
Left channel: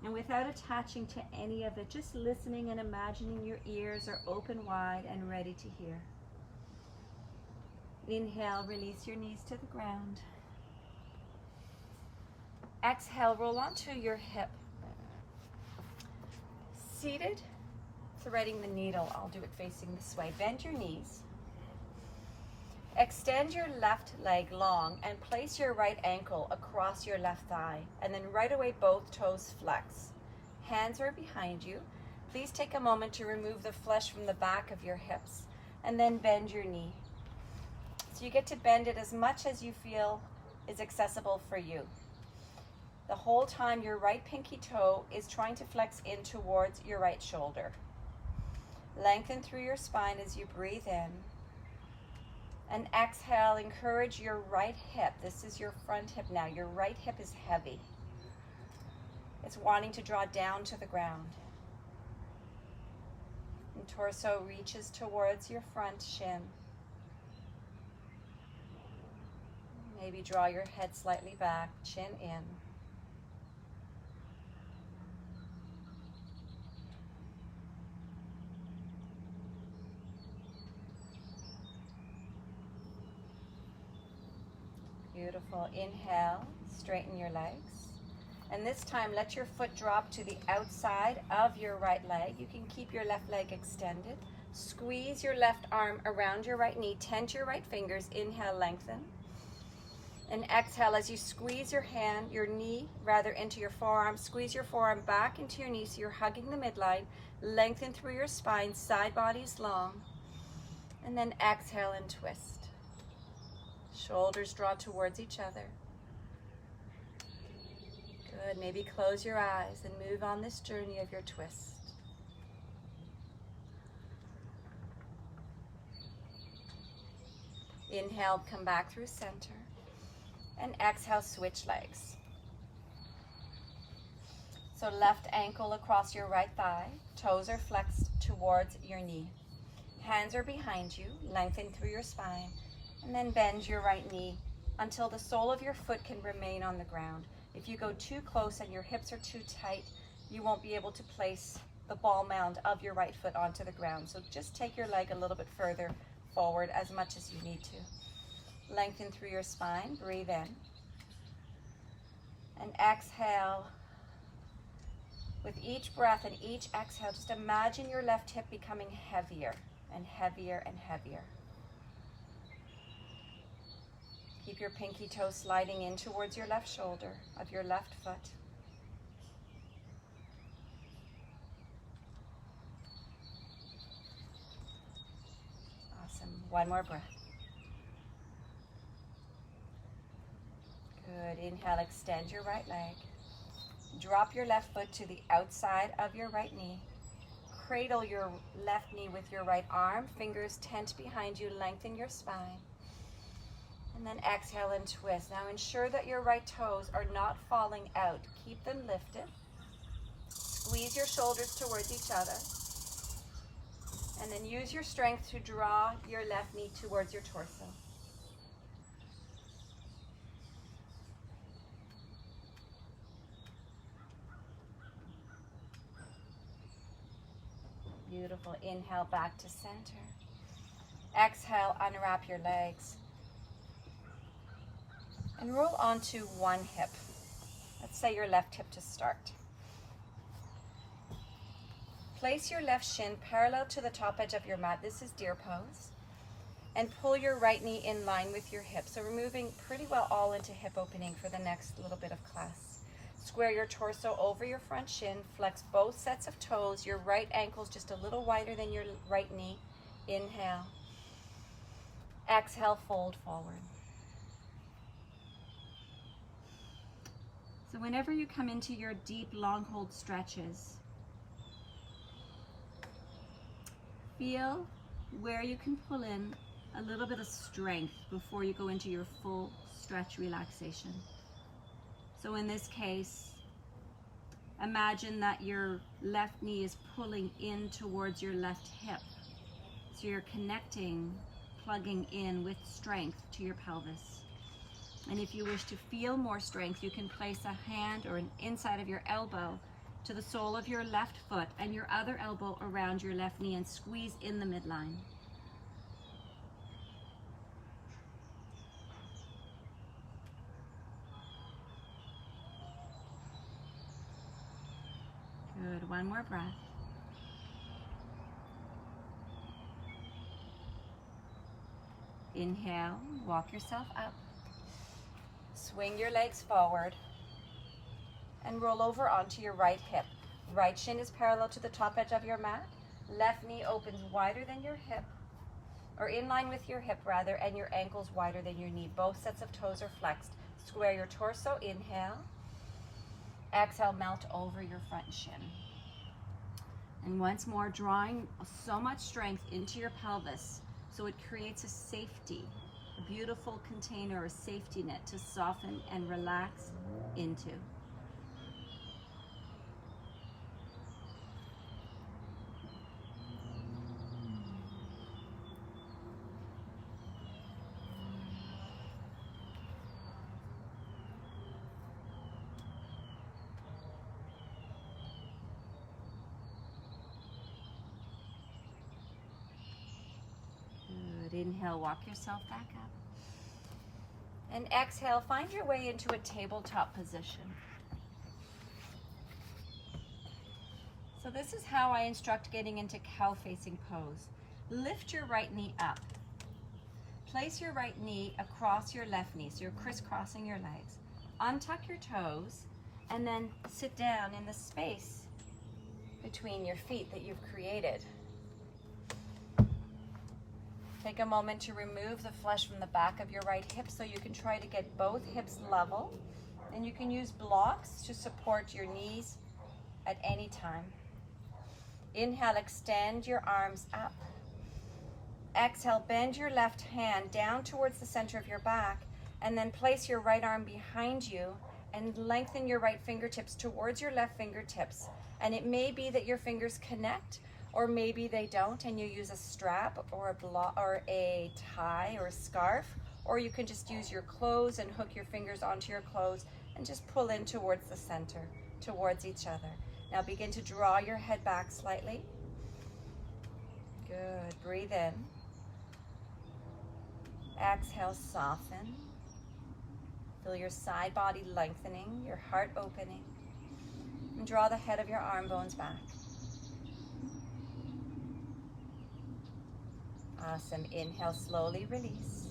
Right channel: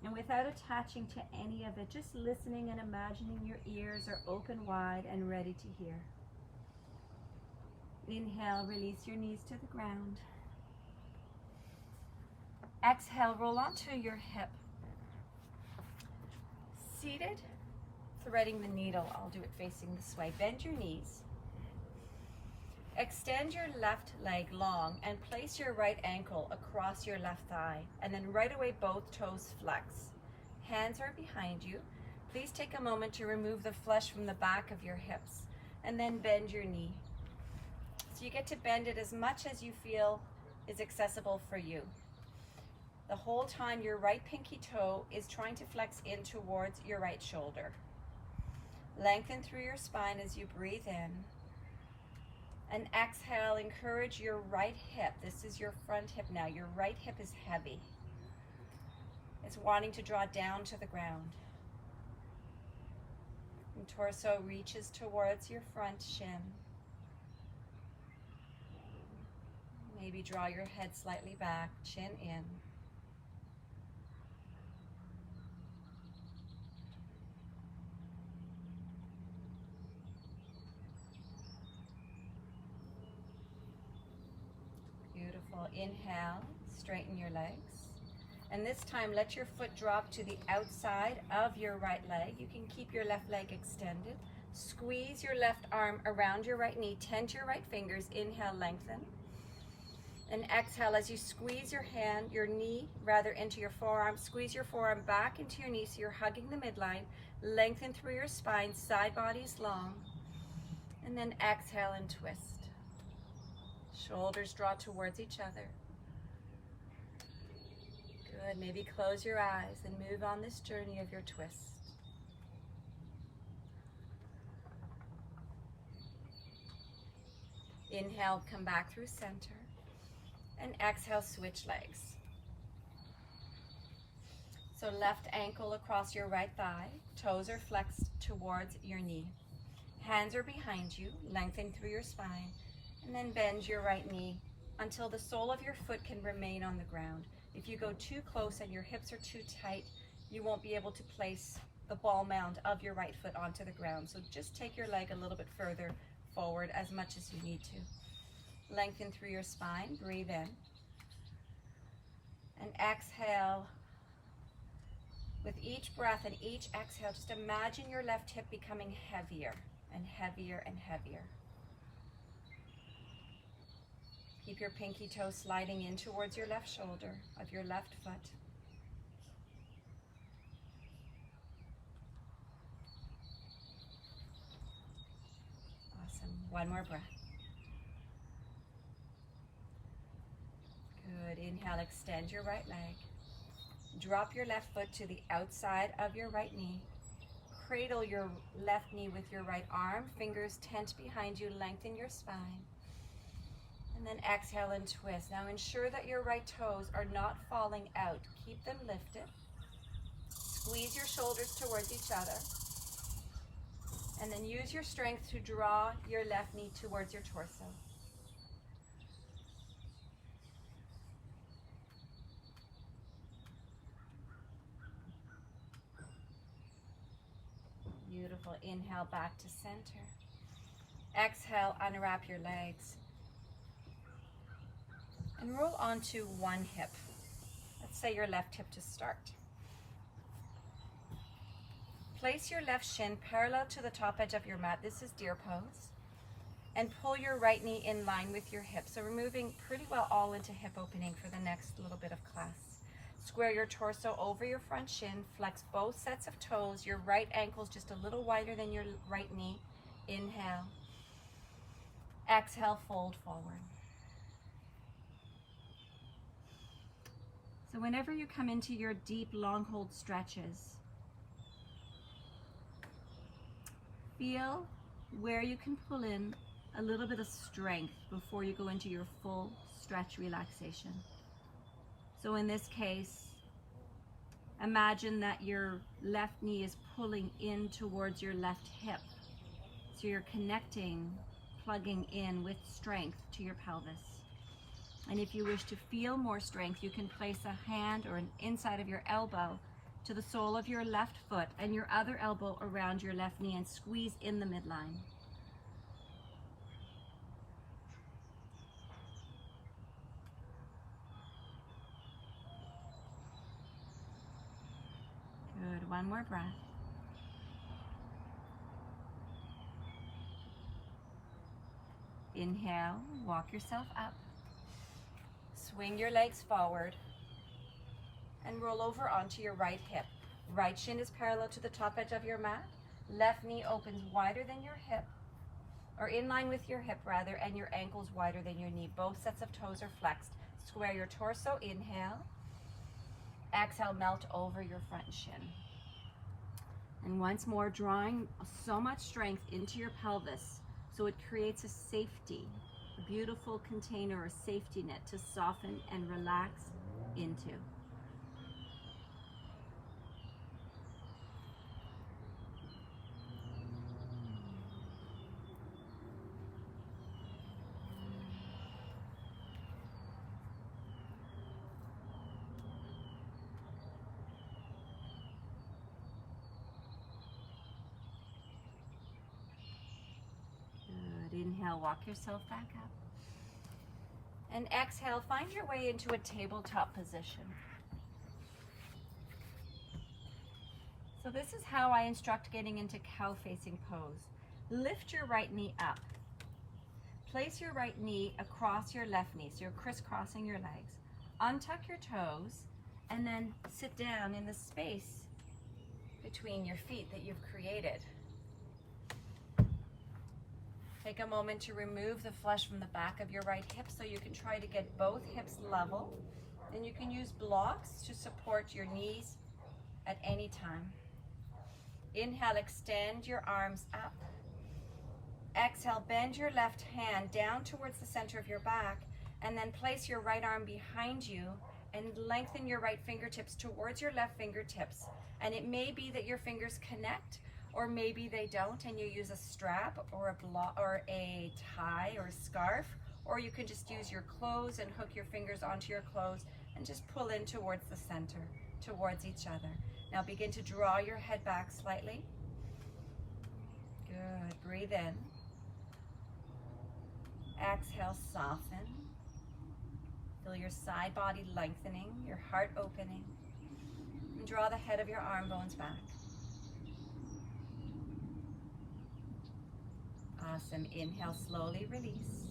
And without attaching to any of it, just listening and imagining your ears are open wide and ready to hear. Inhale, release your knees to the ground. Exhale, roll onto your hip. Seated, threading the needle. I'll do it facing this way. Bend your knees. Extend your left leg long and place your right ankle across your left thigh. And then right away, both toes flex. Hands are behind you. Please take a moment to remove the flesh from the back of your hips. And then bend your knee. So you get to bend it as much as you feel is accessible for you. The whole time your right pinky toe is trying to flex in towards your right shoulder. Lengthen through your spine as you breathe in. And exhale, encourage your right hip. This is your front hip now. Your right hip is heavy. It's wanting to draw down to the ground. And torso reaches towards your front shin. Maybe draw your head slightly back, chin in. Beautiful. Inhale, straighten your legs. And this time, let your foot drop to the outside of your right leg. You can keep your left leg extended. Squeeze your left arm around your right knee. Tense your right fingers. Inhale, lengthen. And exhale as you squeeze your hand, your knee rather, into your forearm. Squeeze your forearm back into your knee so you're hugging the midline. Lengthen through your spine, side body's long. And then exhale and twist. Shoulders draw towards each other. Good, maybe close your eyes and move on this journey of your twist. Inhale, come back through center. And exhale, switch legs. So left ankle across your right thigh, toes are flexed towards your knee. Hands are behind you, lengthen through your spine, and then bend your right knee until the sole of your foot can remain on the ground. If you go too close and your hips are too tight, you won't be able to place the ball mound of your right foot onto the ground. So just take your leg a little bit further forward, as much as you need to. Lengthen through your spine, breathe in. And exhale. With each breath and each exhale, just imagine your left hip becoming heavier and heavier and heavier. Keep your pinky toe sliding in towards your left shoulder of your left foot. Awesome. One more breath. Good. Inhale, extend your right leg. Drop your left foot to the outside of your right knee. Cradle your left knee with your right arm. Fingers tent behind you. Lengthen your spine. And then exhale and twist. Now ensure that your right toes are not falling out. Keep them lifted. Squeeze your shoulders towards each other. And then use your strength to draw your left knee towards your torso. Beautiful. Inhale, back to center. Exhale, unwrap your legs. And roll onto one hip. Let's say your left hip to start. Place your left shin parallel to the top edge of your mat. This is deer pose. And pull your right knee in line with your hip. So we're moving pretty well all into hip opening for the next little bit of class. Square your torso over your front shin. Flex both sets of toes. Your right ankle's just a little wider than your right knee. Inhale. Exhale, fold forward. So whenever you come into your deep long hold stretches, feel where you can pull in a little bit of strength before you go into your full stretch relaxation. So in this case, imagine that your left knee is pulling in towards your left hip. So you're connecting, plugging in with strength to your pelvis. And if you wish to feel more strength, you can place a hand or an inside of your elbow to the sole of your left foot and your other elbow around your left knee and squeeze in the midline. Good, one more breath. Inhale, walk yourself up. Swing your legs forward and roll over onto your right hip. Right shin is parallel to the top edge of your mat. Left knee opens wider than your hip, or in line with your hip rather, and your ankle's wider than your knee. Both sets of toes are flexed. Square your torso, inhale. Exhale, melt over your front shin. And once more, drawing so much strength into your pelvis so it creates a safety, a beautiful container, a safety net to soften and relax into. Inhale, walk yourself back up. And exhale, find your way into a tabletop position. So this is how I instruct getting into cow facing pose. Lift your right knee up. Place your right knee across your left knee, so you're crisscrossing your legs. Untuck your toes, and then sit down in the space between your feet that you've created. Take a moment to remove the flesh from the back of your right hip so you can try to get both hips level. And you can use blocks to support your knees at any time. Inhale, extend your arms up. Exhale, bend your left hand down towards the center of your back, and then place your right arm behind you and lengthen your right fingertips towards your left fingertips. And it may be that your fingers connect, or maybe they don't, and you use a strap or a tie or a scarf, or you can just use your clothes and hook your fingers onto your clothes and just pull in towards the center, towards each other. Now begin to draw your head back slightly. Good. Breathe in. Exhale, soften. Feel your side body lengthening, your heart opening. And draw the head of your arm bones back. Awesome. Inhale, slowly release.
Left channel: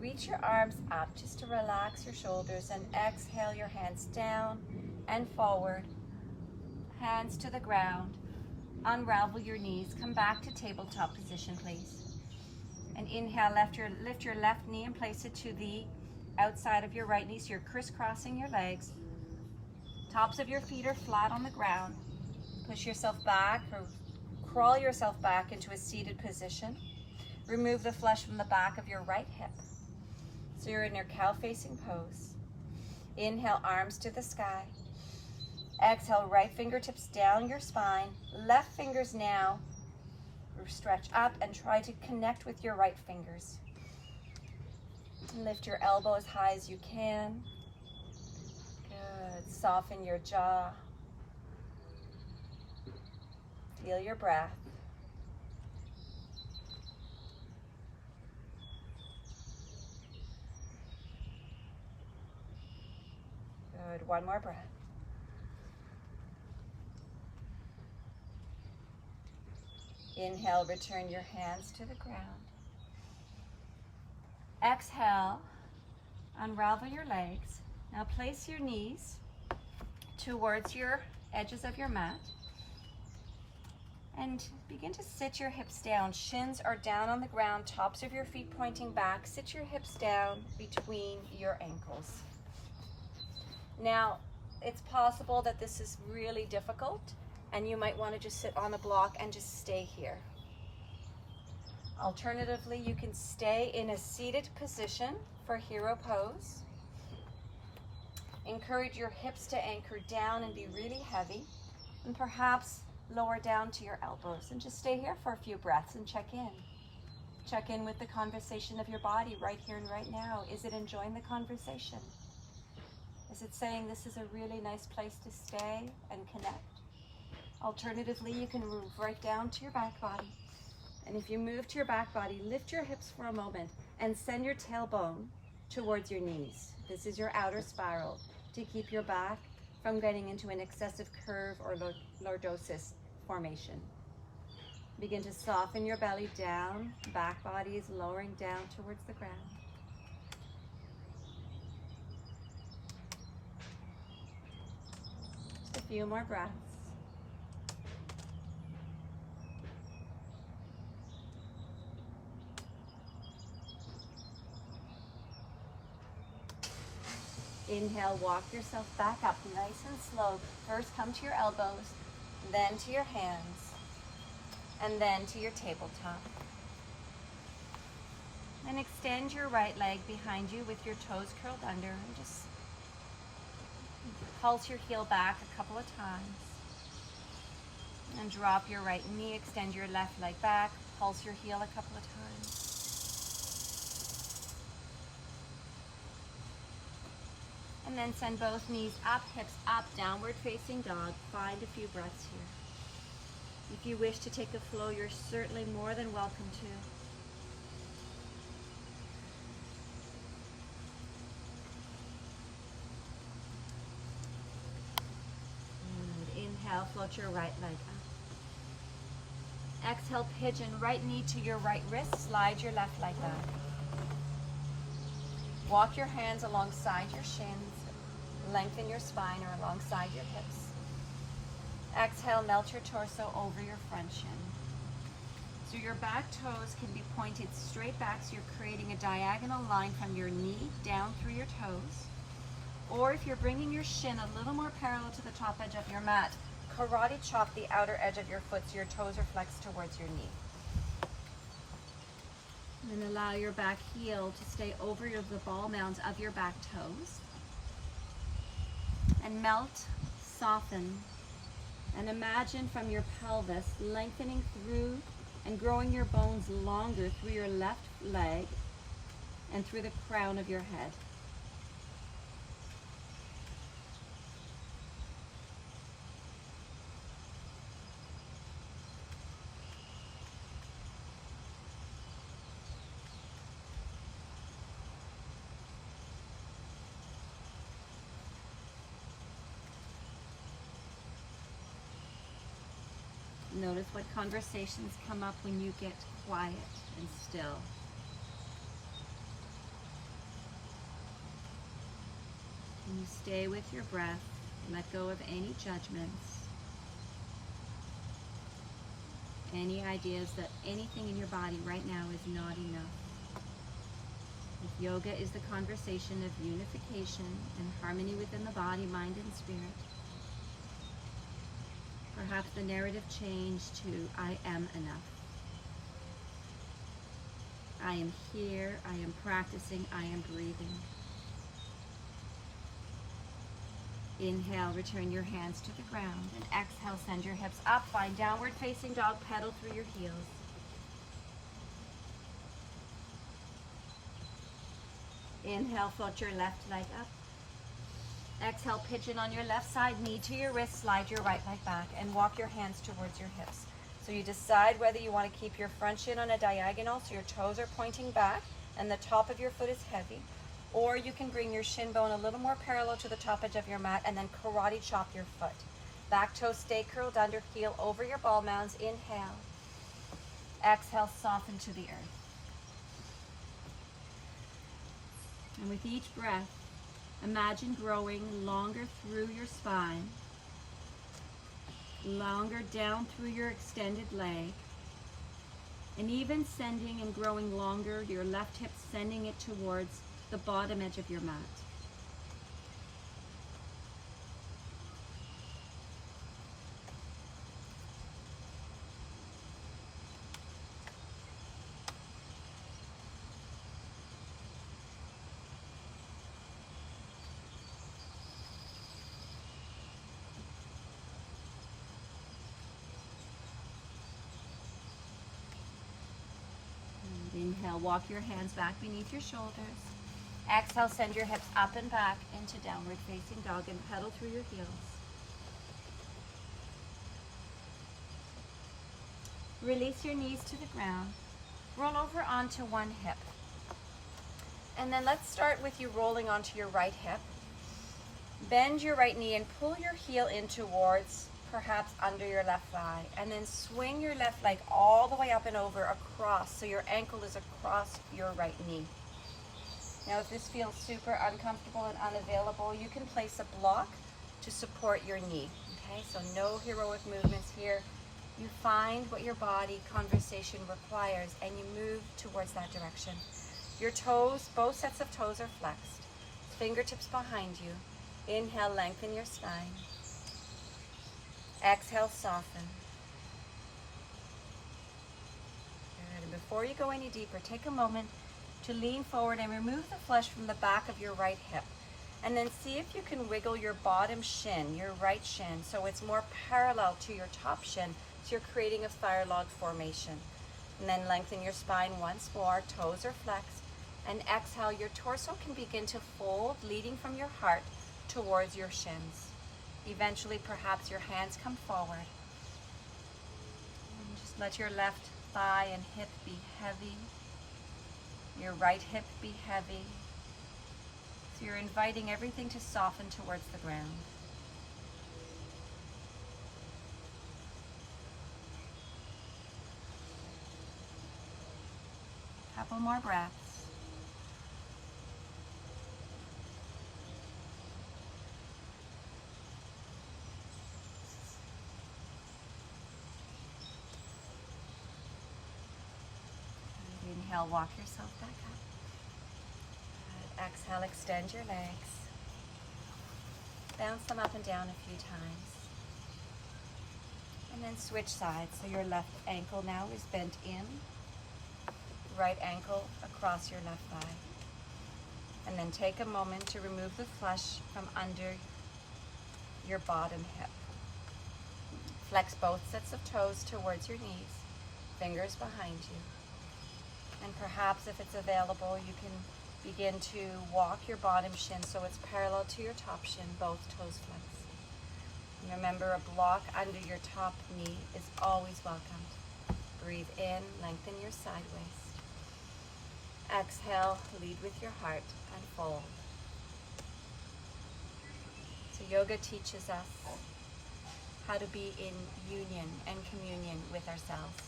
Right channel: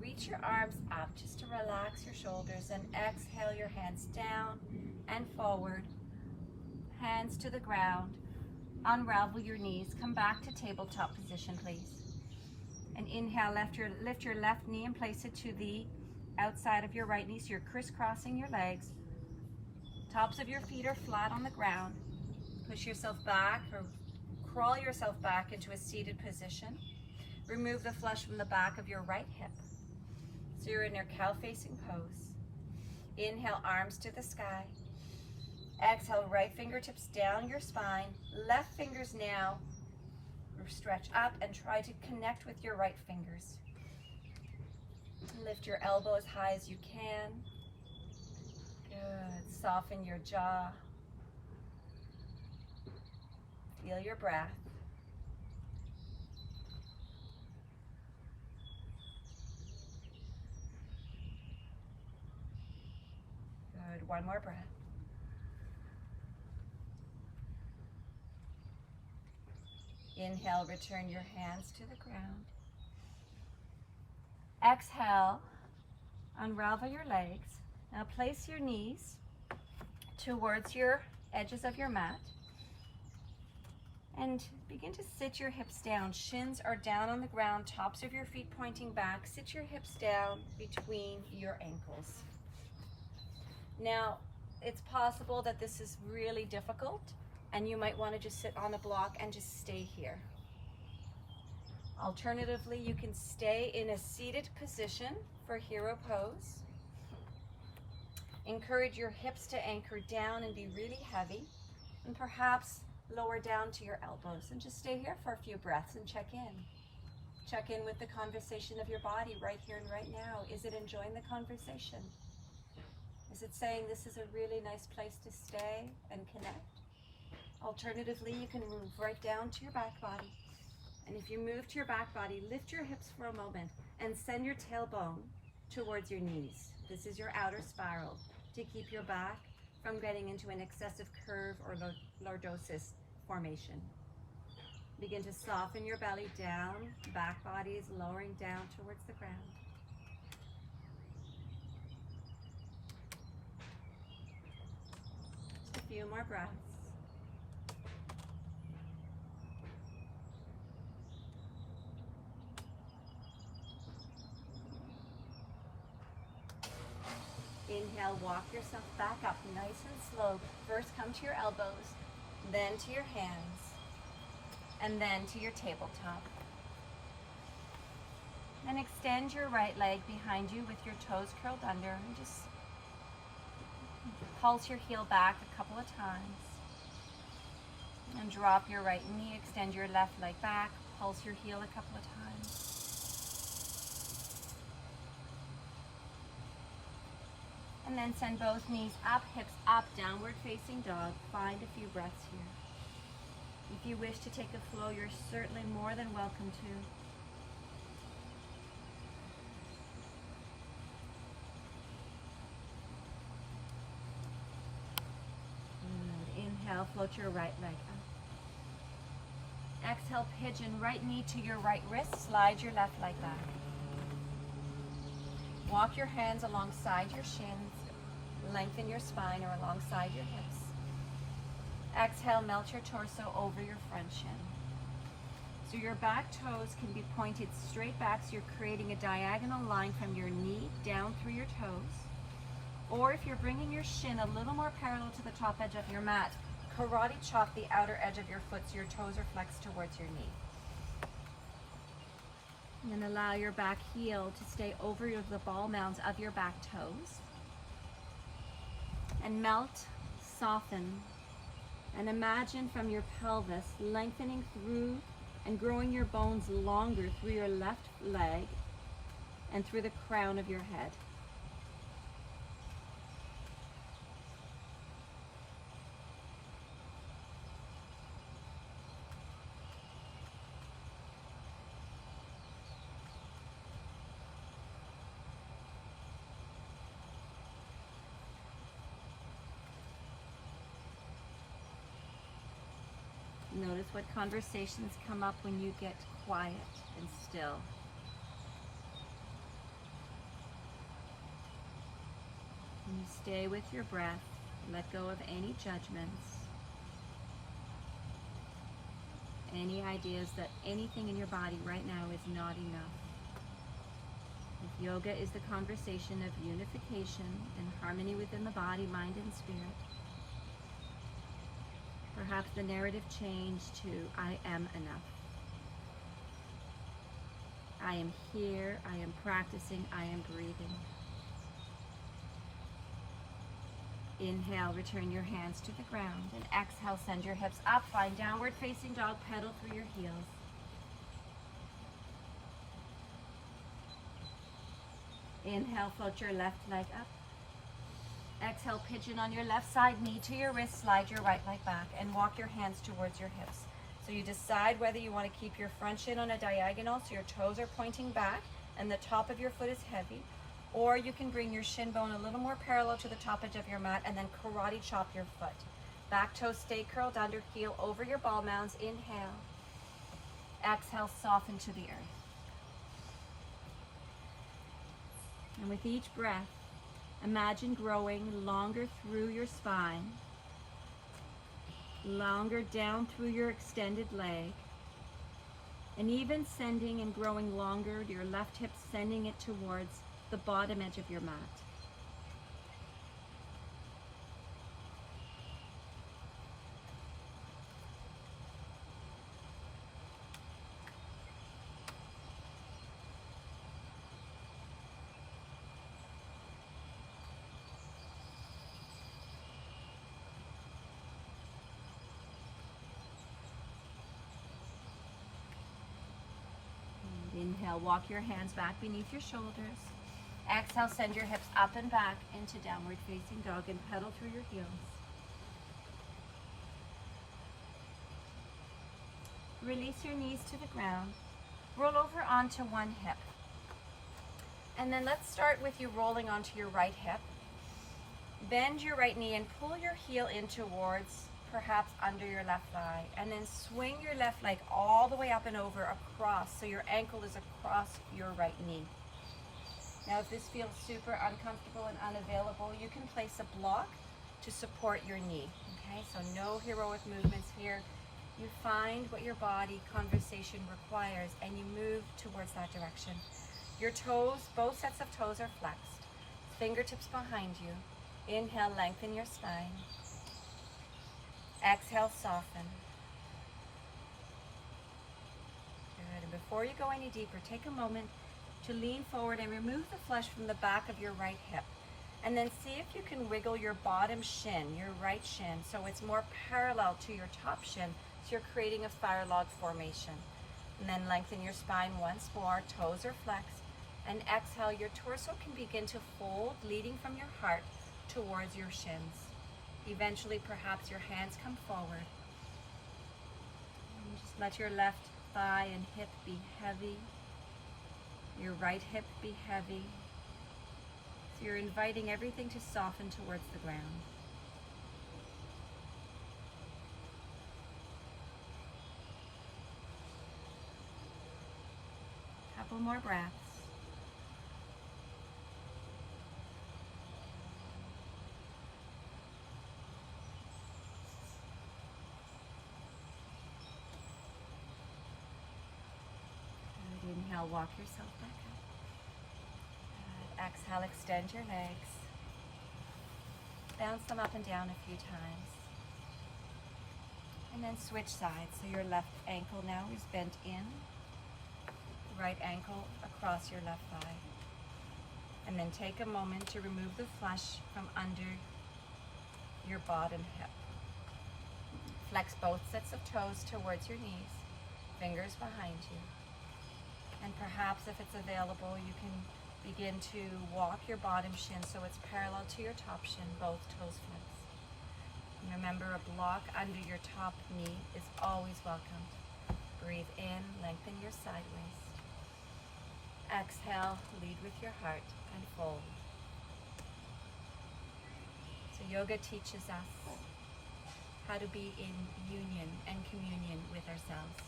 Reach your arms up just to relax your shoulders, and exhale your hands down and forward. Hands to the ground. Unravel your knees. Come back to tabletop position, please. And inhale, lift your left knee and place it to the outside of your right knee, so you're crisscrossing your legs. Tops of your feet are flat on the ground. Push yourself back or crawl yourself back into a seated position. Remove the flesh from the back of your right hip. So you're in your cow-facing pose. Inhale, arms to the sky. Exhale, right fingertips down your spine. Left fingers now stretch up and try to connect with your right fingers. Lift your elbow as high as you can. Good. Soften your jaw. Feel your breath. Good. One more breath. Inhale, return your hands to the ground. Exhale, unravel your legs. Now place your knees towards your edges of your mat and begin to sit your hips down. Shins are down on the ground, tops of your feet pointing back. Sit your hips down between your ankles. Now, it's possible that this is really difficult, and you might want to just sit on the block and just stay here. Alternatively, you can stay in a seated position for hero pose. Encourage your hips to anchor down and be really heavy, and perhaps lower down to your elbows, and just stay here for a few breaths and check in. Check in with the conversation of your body right here and right now. Is it enjoying the conversation? Is it saying this is a really nice place to stay and connect? Alternatively, you can move right down to your back body. And if you move to your back body, lift your hips for a moment and send your tailbone towards your knees. This is your outer spiral to keep your back from getting into an excessive curve or lordosis formation. Begin to soften your belly down. Back body is lowering down towards the ground. Just a few more breaths. Inhale, walk yourself back up nice and slow. First come to your elbows, then to your hands, and then to your tabletop. Then extend your right leg behind you with your toes curled under, and just pulse your heel back a couple of times. And drop your right knee, extend your left leg back, pulse your heel a couple of times. And then send both knees up, hips up, downward facing dog. Find a few breaths here. If you wish to take a flow, you're certainly more than welcome to. Good. Inhale, float your right leg up. Exhale, pigeon, right knee to your right wrist. Slide your left leg back. Walk your hands alongside your shins, lengthen your spine or alongside your hips. Exhale, melt your torso over your front shin. So your back toes can be pointed straight back, so you're creating a diagonal line from your knee down through your toes. Or if you're bringing your shin a little more parallel to the top edge of your mat, karate chop the outer edge of your foot so your toes are flexed towards your knee. And then allow your back heel to stay over the ball mounds of your back toes. And melt, soften, and imagine from your pelvis lengthening through and growing your bones longer through your left leg and through the crown of your head. Notice what conversations come up when you get quiet and still. Can you stay with your breath? Let go of any judgments, any ideas that anything in your body right now is not enough. If yoga is the conversation of unification and harmony within the body, mind, and spirit, perhaps the narrative changed to I am enough. I am here, I am practicing, I am breathing. Inhale, return your hands to the ground, and exhale, send your hips up, find downward facing dog, pedal through your heels. Inhale, float your left leg up. Exhale, pigeon on your left side, knee to your wrist, slide your right leg back, and walk your hands towards your hips. So you decide whether you want to keep your front shin on a diagonal so your toes are pointing back and the top of your foot is heavy, or you can bring your shin bone a little more parallel to the top edge of your mat and then karate chop your foot. Back toes stay curled under, heel over your ball mounds. Inhale. Exhale, soften to the earth. And with each breath, imagine growing longer through your spine, longer down through your extended leg, and even sending and growing longer your left hip, sending it towards the bottom edge of your mat. Inhale, walk your hands back beneath your shoulders. Exhale, send your hips up and back into downward facing dog and pedal through your heels. Release your knees to the ground. Roll over onto one hip. And then let's start with you rolling onto your right hip. Bend your right knee and pull your heel in towards perhaps under your left thigh, and then swing your left leg all the way up and over across so your ankle is across your right knee. Now if this feels super uncomfortable and unavailable, you can place a block to support your knee. Okay, so no heroic movements here. You find what your body conversation requires and you move towards that direction. Your toes, both sets of toes are flexed. Fingertips behind you. Inhale, lengthen your spine. Exhale, soften. Good. And before you go any deeper, take a moment to lean forward and remove the flesh from the back of your right hip. And then see if you can wiggle your bottom shin, your right shin, so it's more parallel to your top shin, so you're creating a fire log formation. And then lengthen your spine once more, toes are flexed. And exhale, your torso can begin to fold, leading from your heart towards your shins. Eventually, perhaps your hands come forward. And just let your left thigh and hip be heavy. Your right hip be heavy. So you're inviting everything to soften towards the ground. Couple more breaths. Inhale, walk yourself back up. Good. Exhale, extend your legs. Bounce them up and down a few times. And then switch sides. So your left ankle now is bent in. Right ankle across your left thigh. And then take a moment to remove the flesh from under your bottom hip. Flex both sets of toes towards your knees, fingers behind you. And perhaps if it's available, you can begin to walk your bottom shin so it's parallel to your top shin, both toes flexed. And remember, a block under your top knee is always welcomed. Breathe in, lengthen your sideways. Exhale, lead with your heart and fold. So yoga teaches us how to be in union and communion with ourselves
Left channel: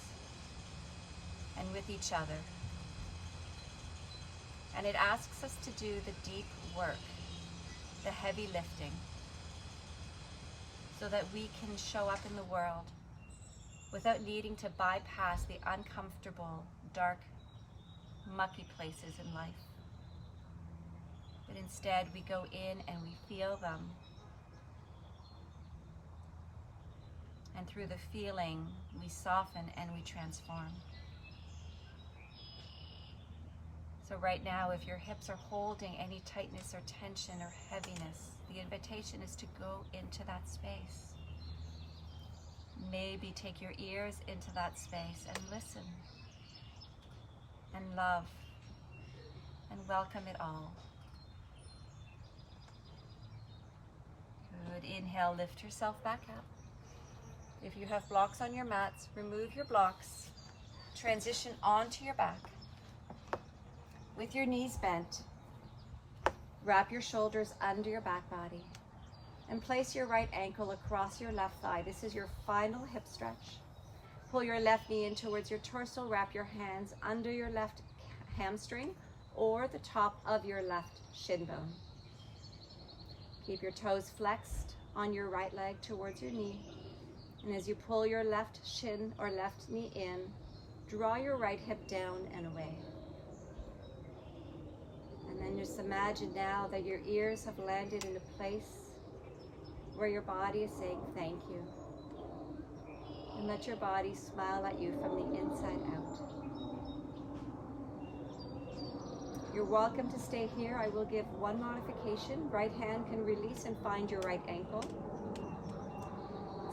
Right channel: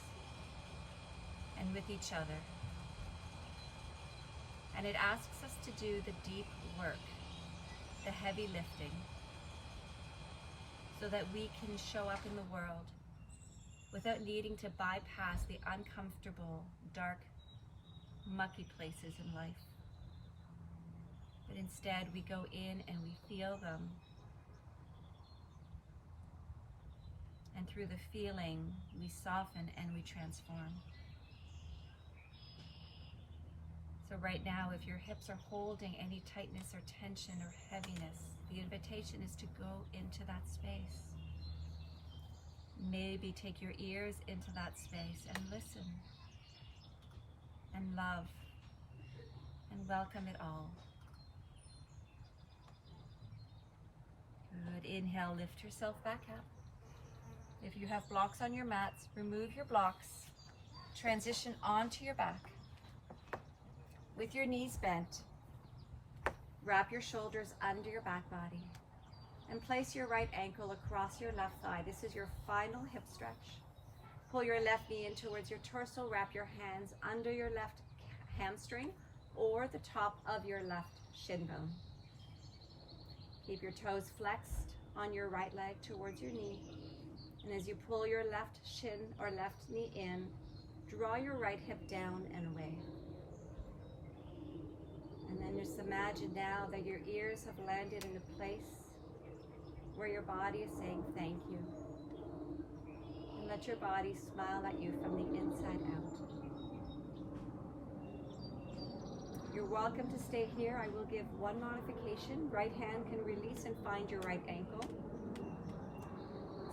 and with each other. And it asks us to do the deep work, the heavy lifting, so that we can show up in the world without needing to bypass the uncomfortable, dark, mucky places in life. But instead we go in and we feel them. And through the feeling, we soften and we transform. So right now, if your hips are holding any tightness or tension or heaviness, the invitation is to go into that space. Maybe take your ears into that space and listen and love and welcome it all. Good. Inhale, lift yourself back up. If you have blocks on your mats, remove your blocks. Transition onto your back. With your knees bent, wrap your shoulders under your back body and place your right ankle across your left thigh. This is your final hip stretch. Pull your left knee in towards your torso. Wrap your hands under your left hamstring or the top of your left shin bone. Keep your toes flexed on your right leg towards your knee. And as you pull your left shin or left knee in, draw your right hip down and away. And then just imagine now that your ears have landed in a place where your body is saying thank you. And let your body smile at you from the inside out. You're welcome to stay here. I will give one modification. Right hand can release and find your right ankle.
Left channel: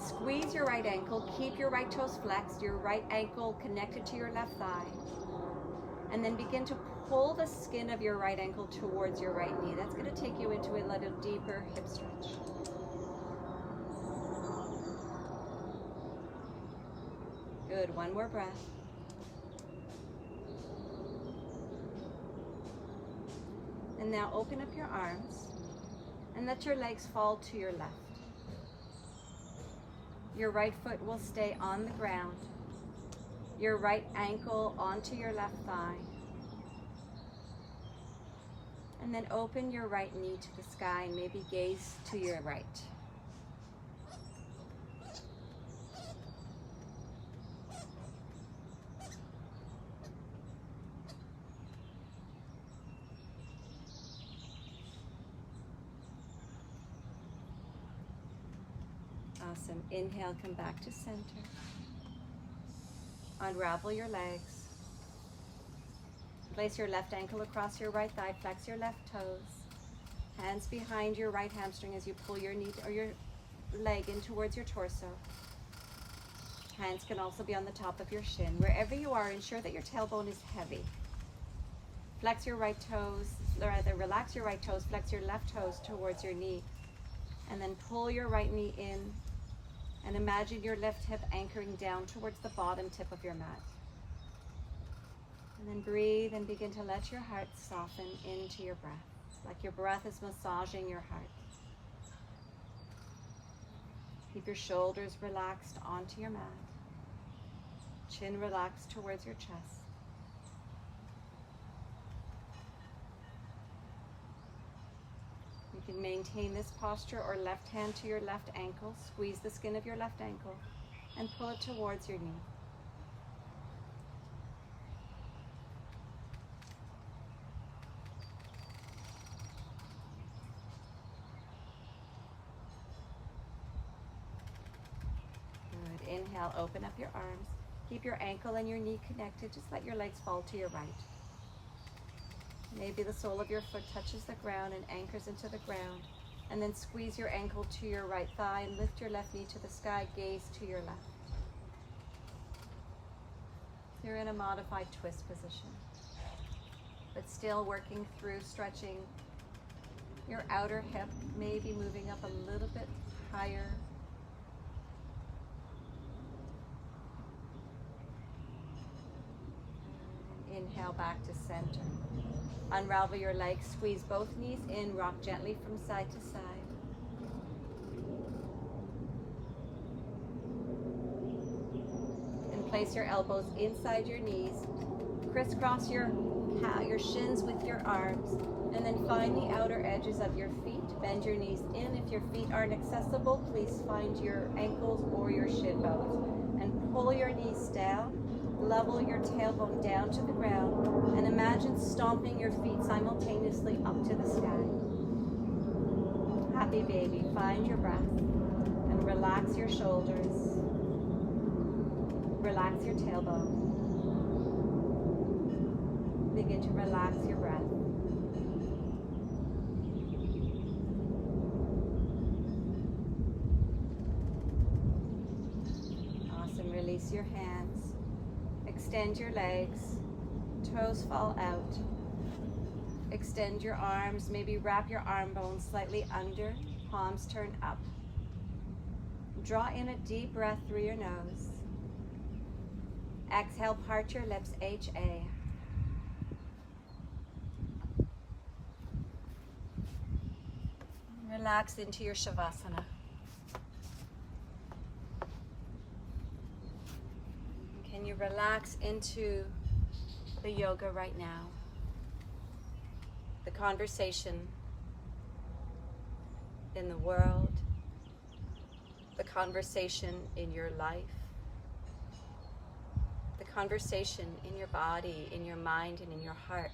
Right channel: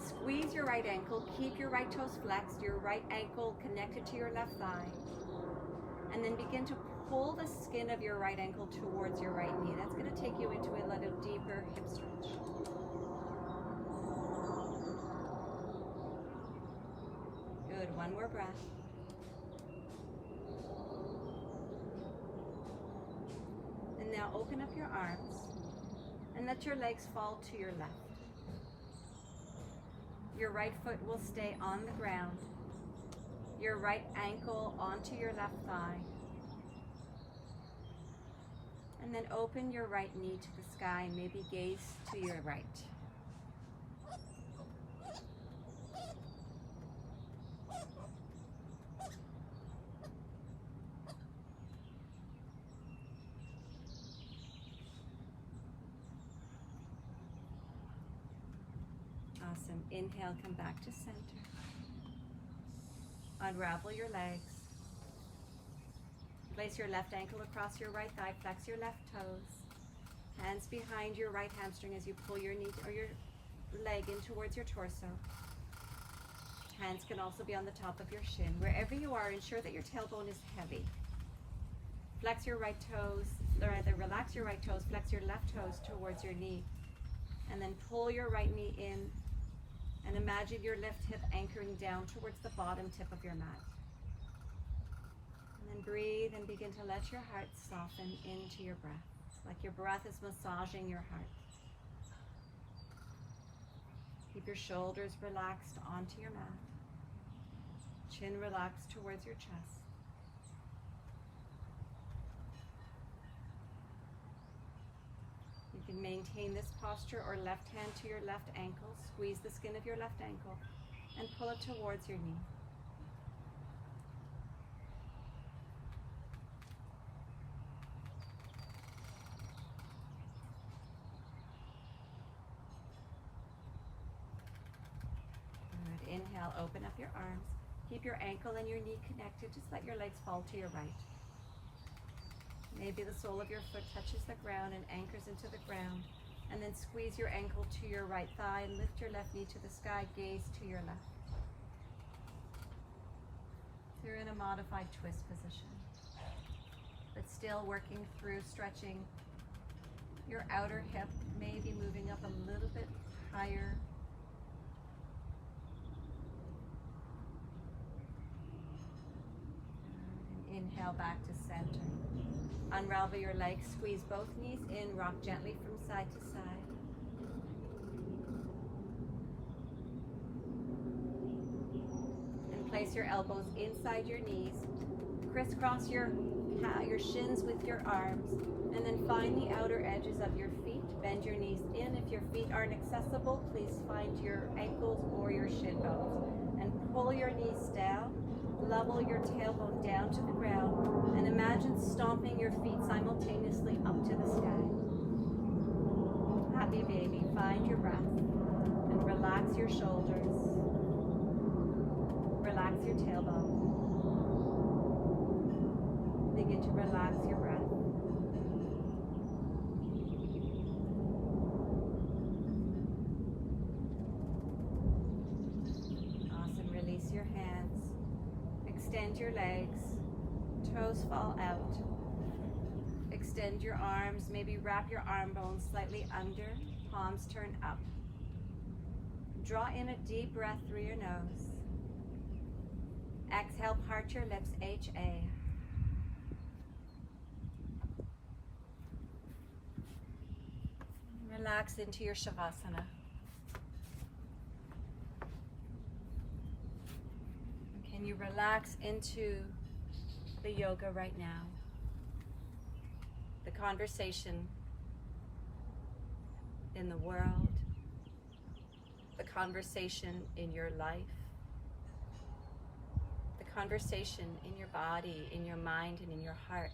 Squeeze your right ankle. Keep your right toes flexed. Your right ankle connected to your left thigh. And then begin to pull the skin of your right ankle towards your right knee. That's going to take you into a little deeper hip stretch. Good. One more breath. And now open up your arms and let your legs fall to your left. Your right foot will stay on the ground. Your right ankle onto your left thigh. And then open your right knee to the sky and maybe gaze to your right. Awesome. Inhale, come back to center. Unravel your legs. Place your left ankle across your right thigh. Flex your left toes. Hands behind your right hamstring as you pull your knee or your leg in towards your torso. Hands can also be on the top of your shin. Wherever you are, ensure that your tailbone is heavy. Flex your right toes, or rather relax your right toes, flex your left toes towards your knee. And then pull your right knee in. And imagine your left hip anchoring down towards the bottom tip of your mat. And then breathe and begin to let your heart soften into your breath, like your breath is massaging your heart. Keep your shoulders relaxed onto your mat. Chin relaxed towards your chest. You can maintain this posture or left hand to your left ankle. Squeeze the skin of your left ankle and pull it towards your knee. exhale, open up your arms. Keep your ankle and your knee connected. Just let your legs fall to your right. Maybe the sole of your foot touches the ground and anchors into the ground. And then squeeze your ankle to your right thigh and lift your left knee to the sky, gaze to your left. You're in a modified twist position, but still working through stretching your outer hip, maybe moving up a little bit higher. Inhale back to center. Unravel your legs, squeeze both knees in, rock gently from side to side. And place your elbows inside your knees. Crisscross your shins with your arms. And then find the outer edges of your feet. Bend your knees in. If your feet aren't accessible, please find your ankles or your shin bones. And pull your knees down. Level your tailbone down to the ground and imagine stomping your feet simultaneously up to the sky. Happy baby, find your breath and relax your shoulders. Relax your tailbone. Begin to relax your breath. Awesome, release your hands. Extend your legs, toes fall out. Extend your arms, maybe wrap your arm bones slightly under, palms turn up. Draw in a deep breath through your nose. Exhale, part your lips, HA. Relax into your Shavasana. Can you relax into the yoga right now? The conversation in the world, the conversation in your life, the conversation in your body, in your mind, and in your heart.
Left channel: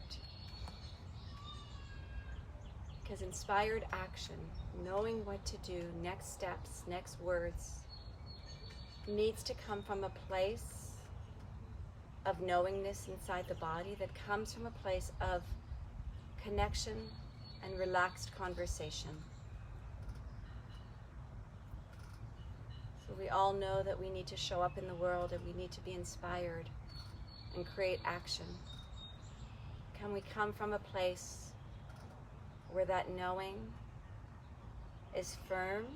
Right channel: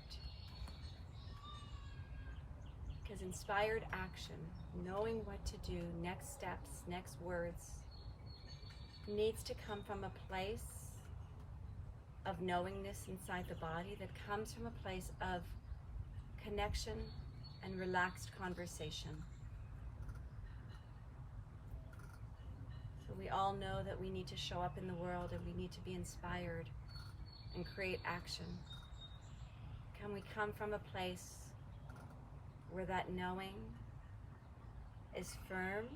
Because inspired action, knowing what to do, next steps, next words, needs to come from a place of knowingness inside the body that comes from a place of connection and relaxed conversation. So we all know that we need to show up in the world and we need to be inspired and create action. Can we come from a place where that knowing is firm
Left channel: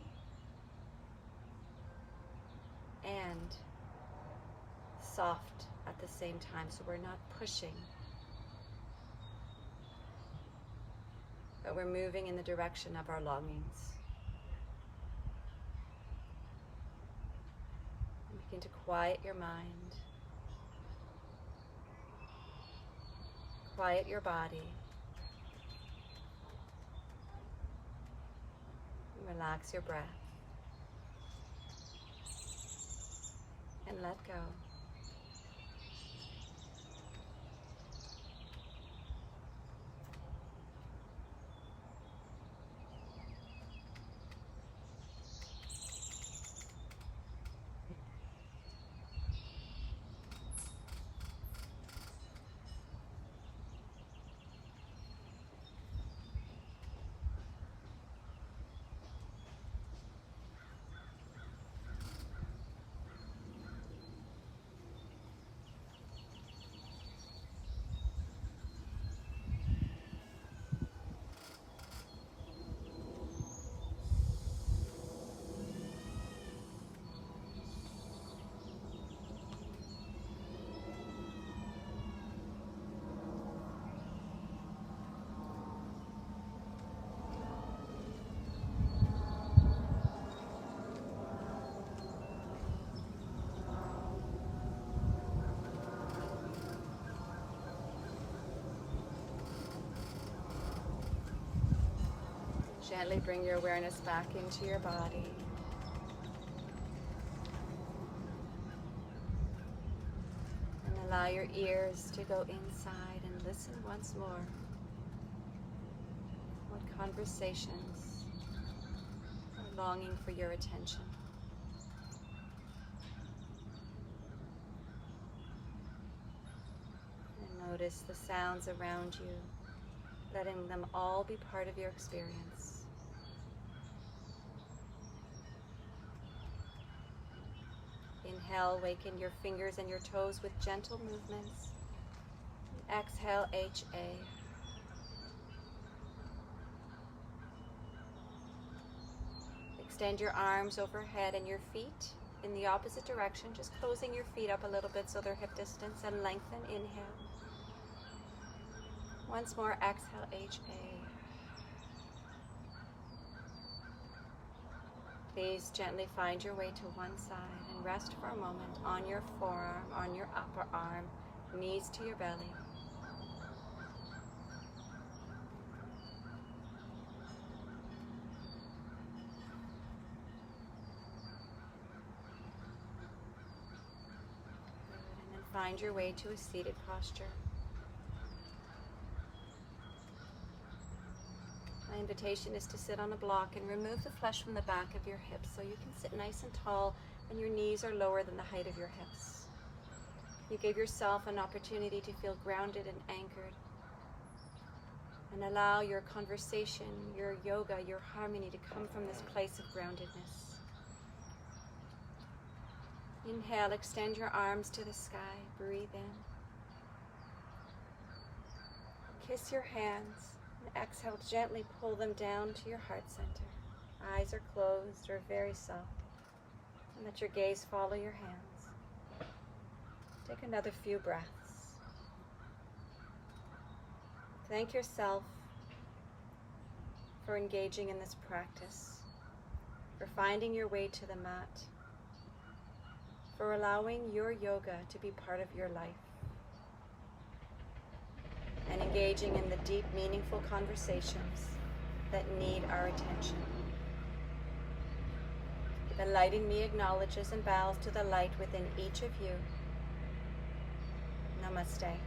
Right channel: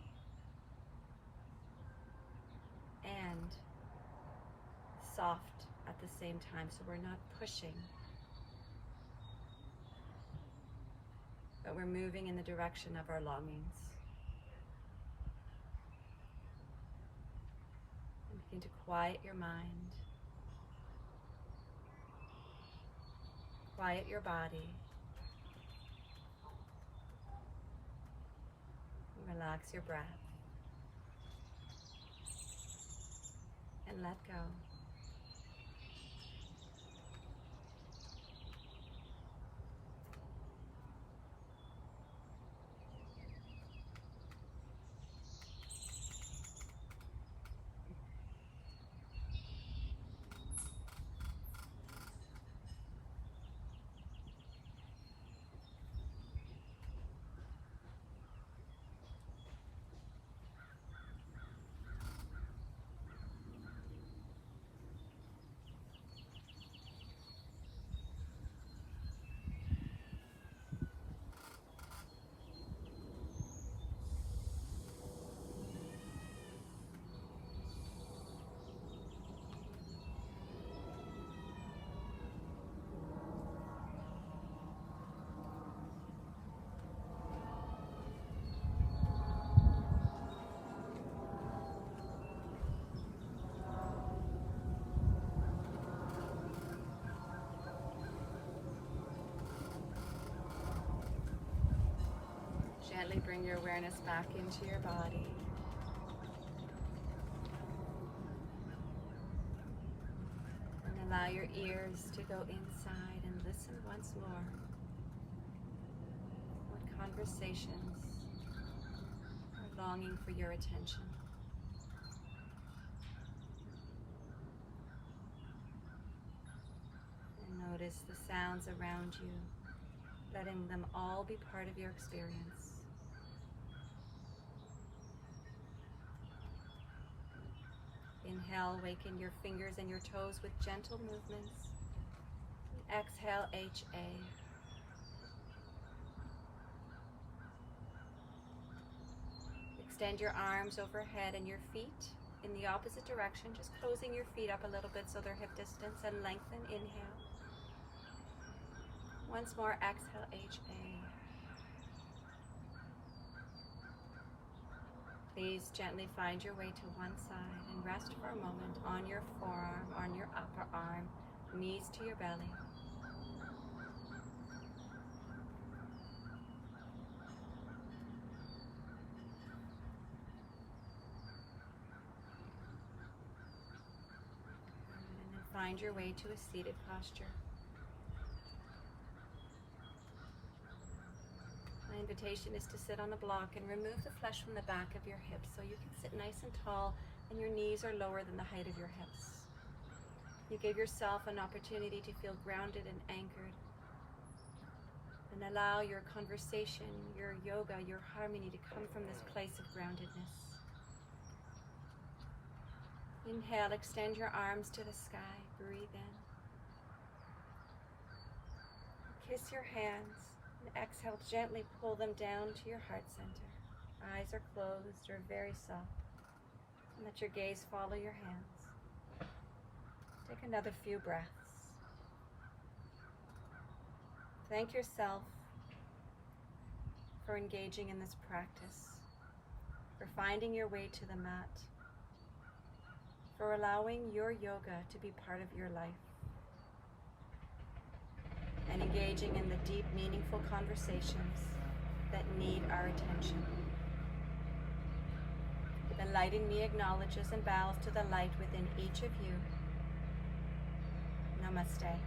and soft at the same time, so we're not pushing, but we're moving in the direction of our longings. And begin to quiet your mind, quiet your body, and relax your breath, and let go. Gently bring your awareness back into your body. And allow your ears to go inside and listen once more. What conversations are longing for your attention? Notice the sounds around you, letting them all be part of your experience. Inhale, waken your fingers and your toes with gentle movements. Exhale, HA. Extend your arms overhead and your feet in the opposite direction, just closing your feet up a little bit so they're hip distance, and lengthen. Inhale. Once more, exhale, HA. Please gently find your way to one side and rest for a moment on your forearm, on your upper arm, knees to your belly. And then find your way to a seated posture. My invitation is to sit on a block and remove the flesh from the back of your hips so you can sit nice and tall and your knees are lower than the height of your hips. You give yourself an opportunity to feel grounded and anchored, and allow your conversation, your yoga, your harmony to come from this place of groundedness. Inhale, extend your arms to the sky. Breathe in. Kiss your hands. And exhale, gently pull them down to your heart center. Eyes are closed or very soft. And let your gaze follow your hands. Take another few breaths. Thank yourself for engaging in this practice, for finding your way to the mat, for allowing your yoga to be part of your life, and engaging in the deep, meaningful conversations that need our attention. The light in me acknowledges and bows to the light within each of you. Namaste.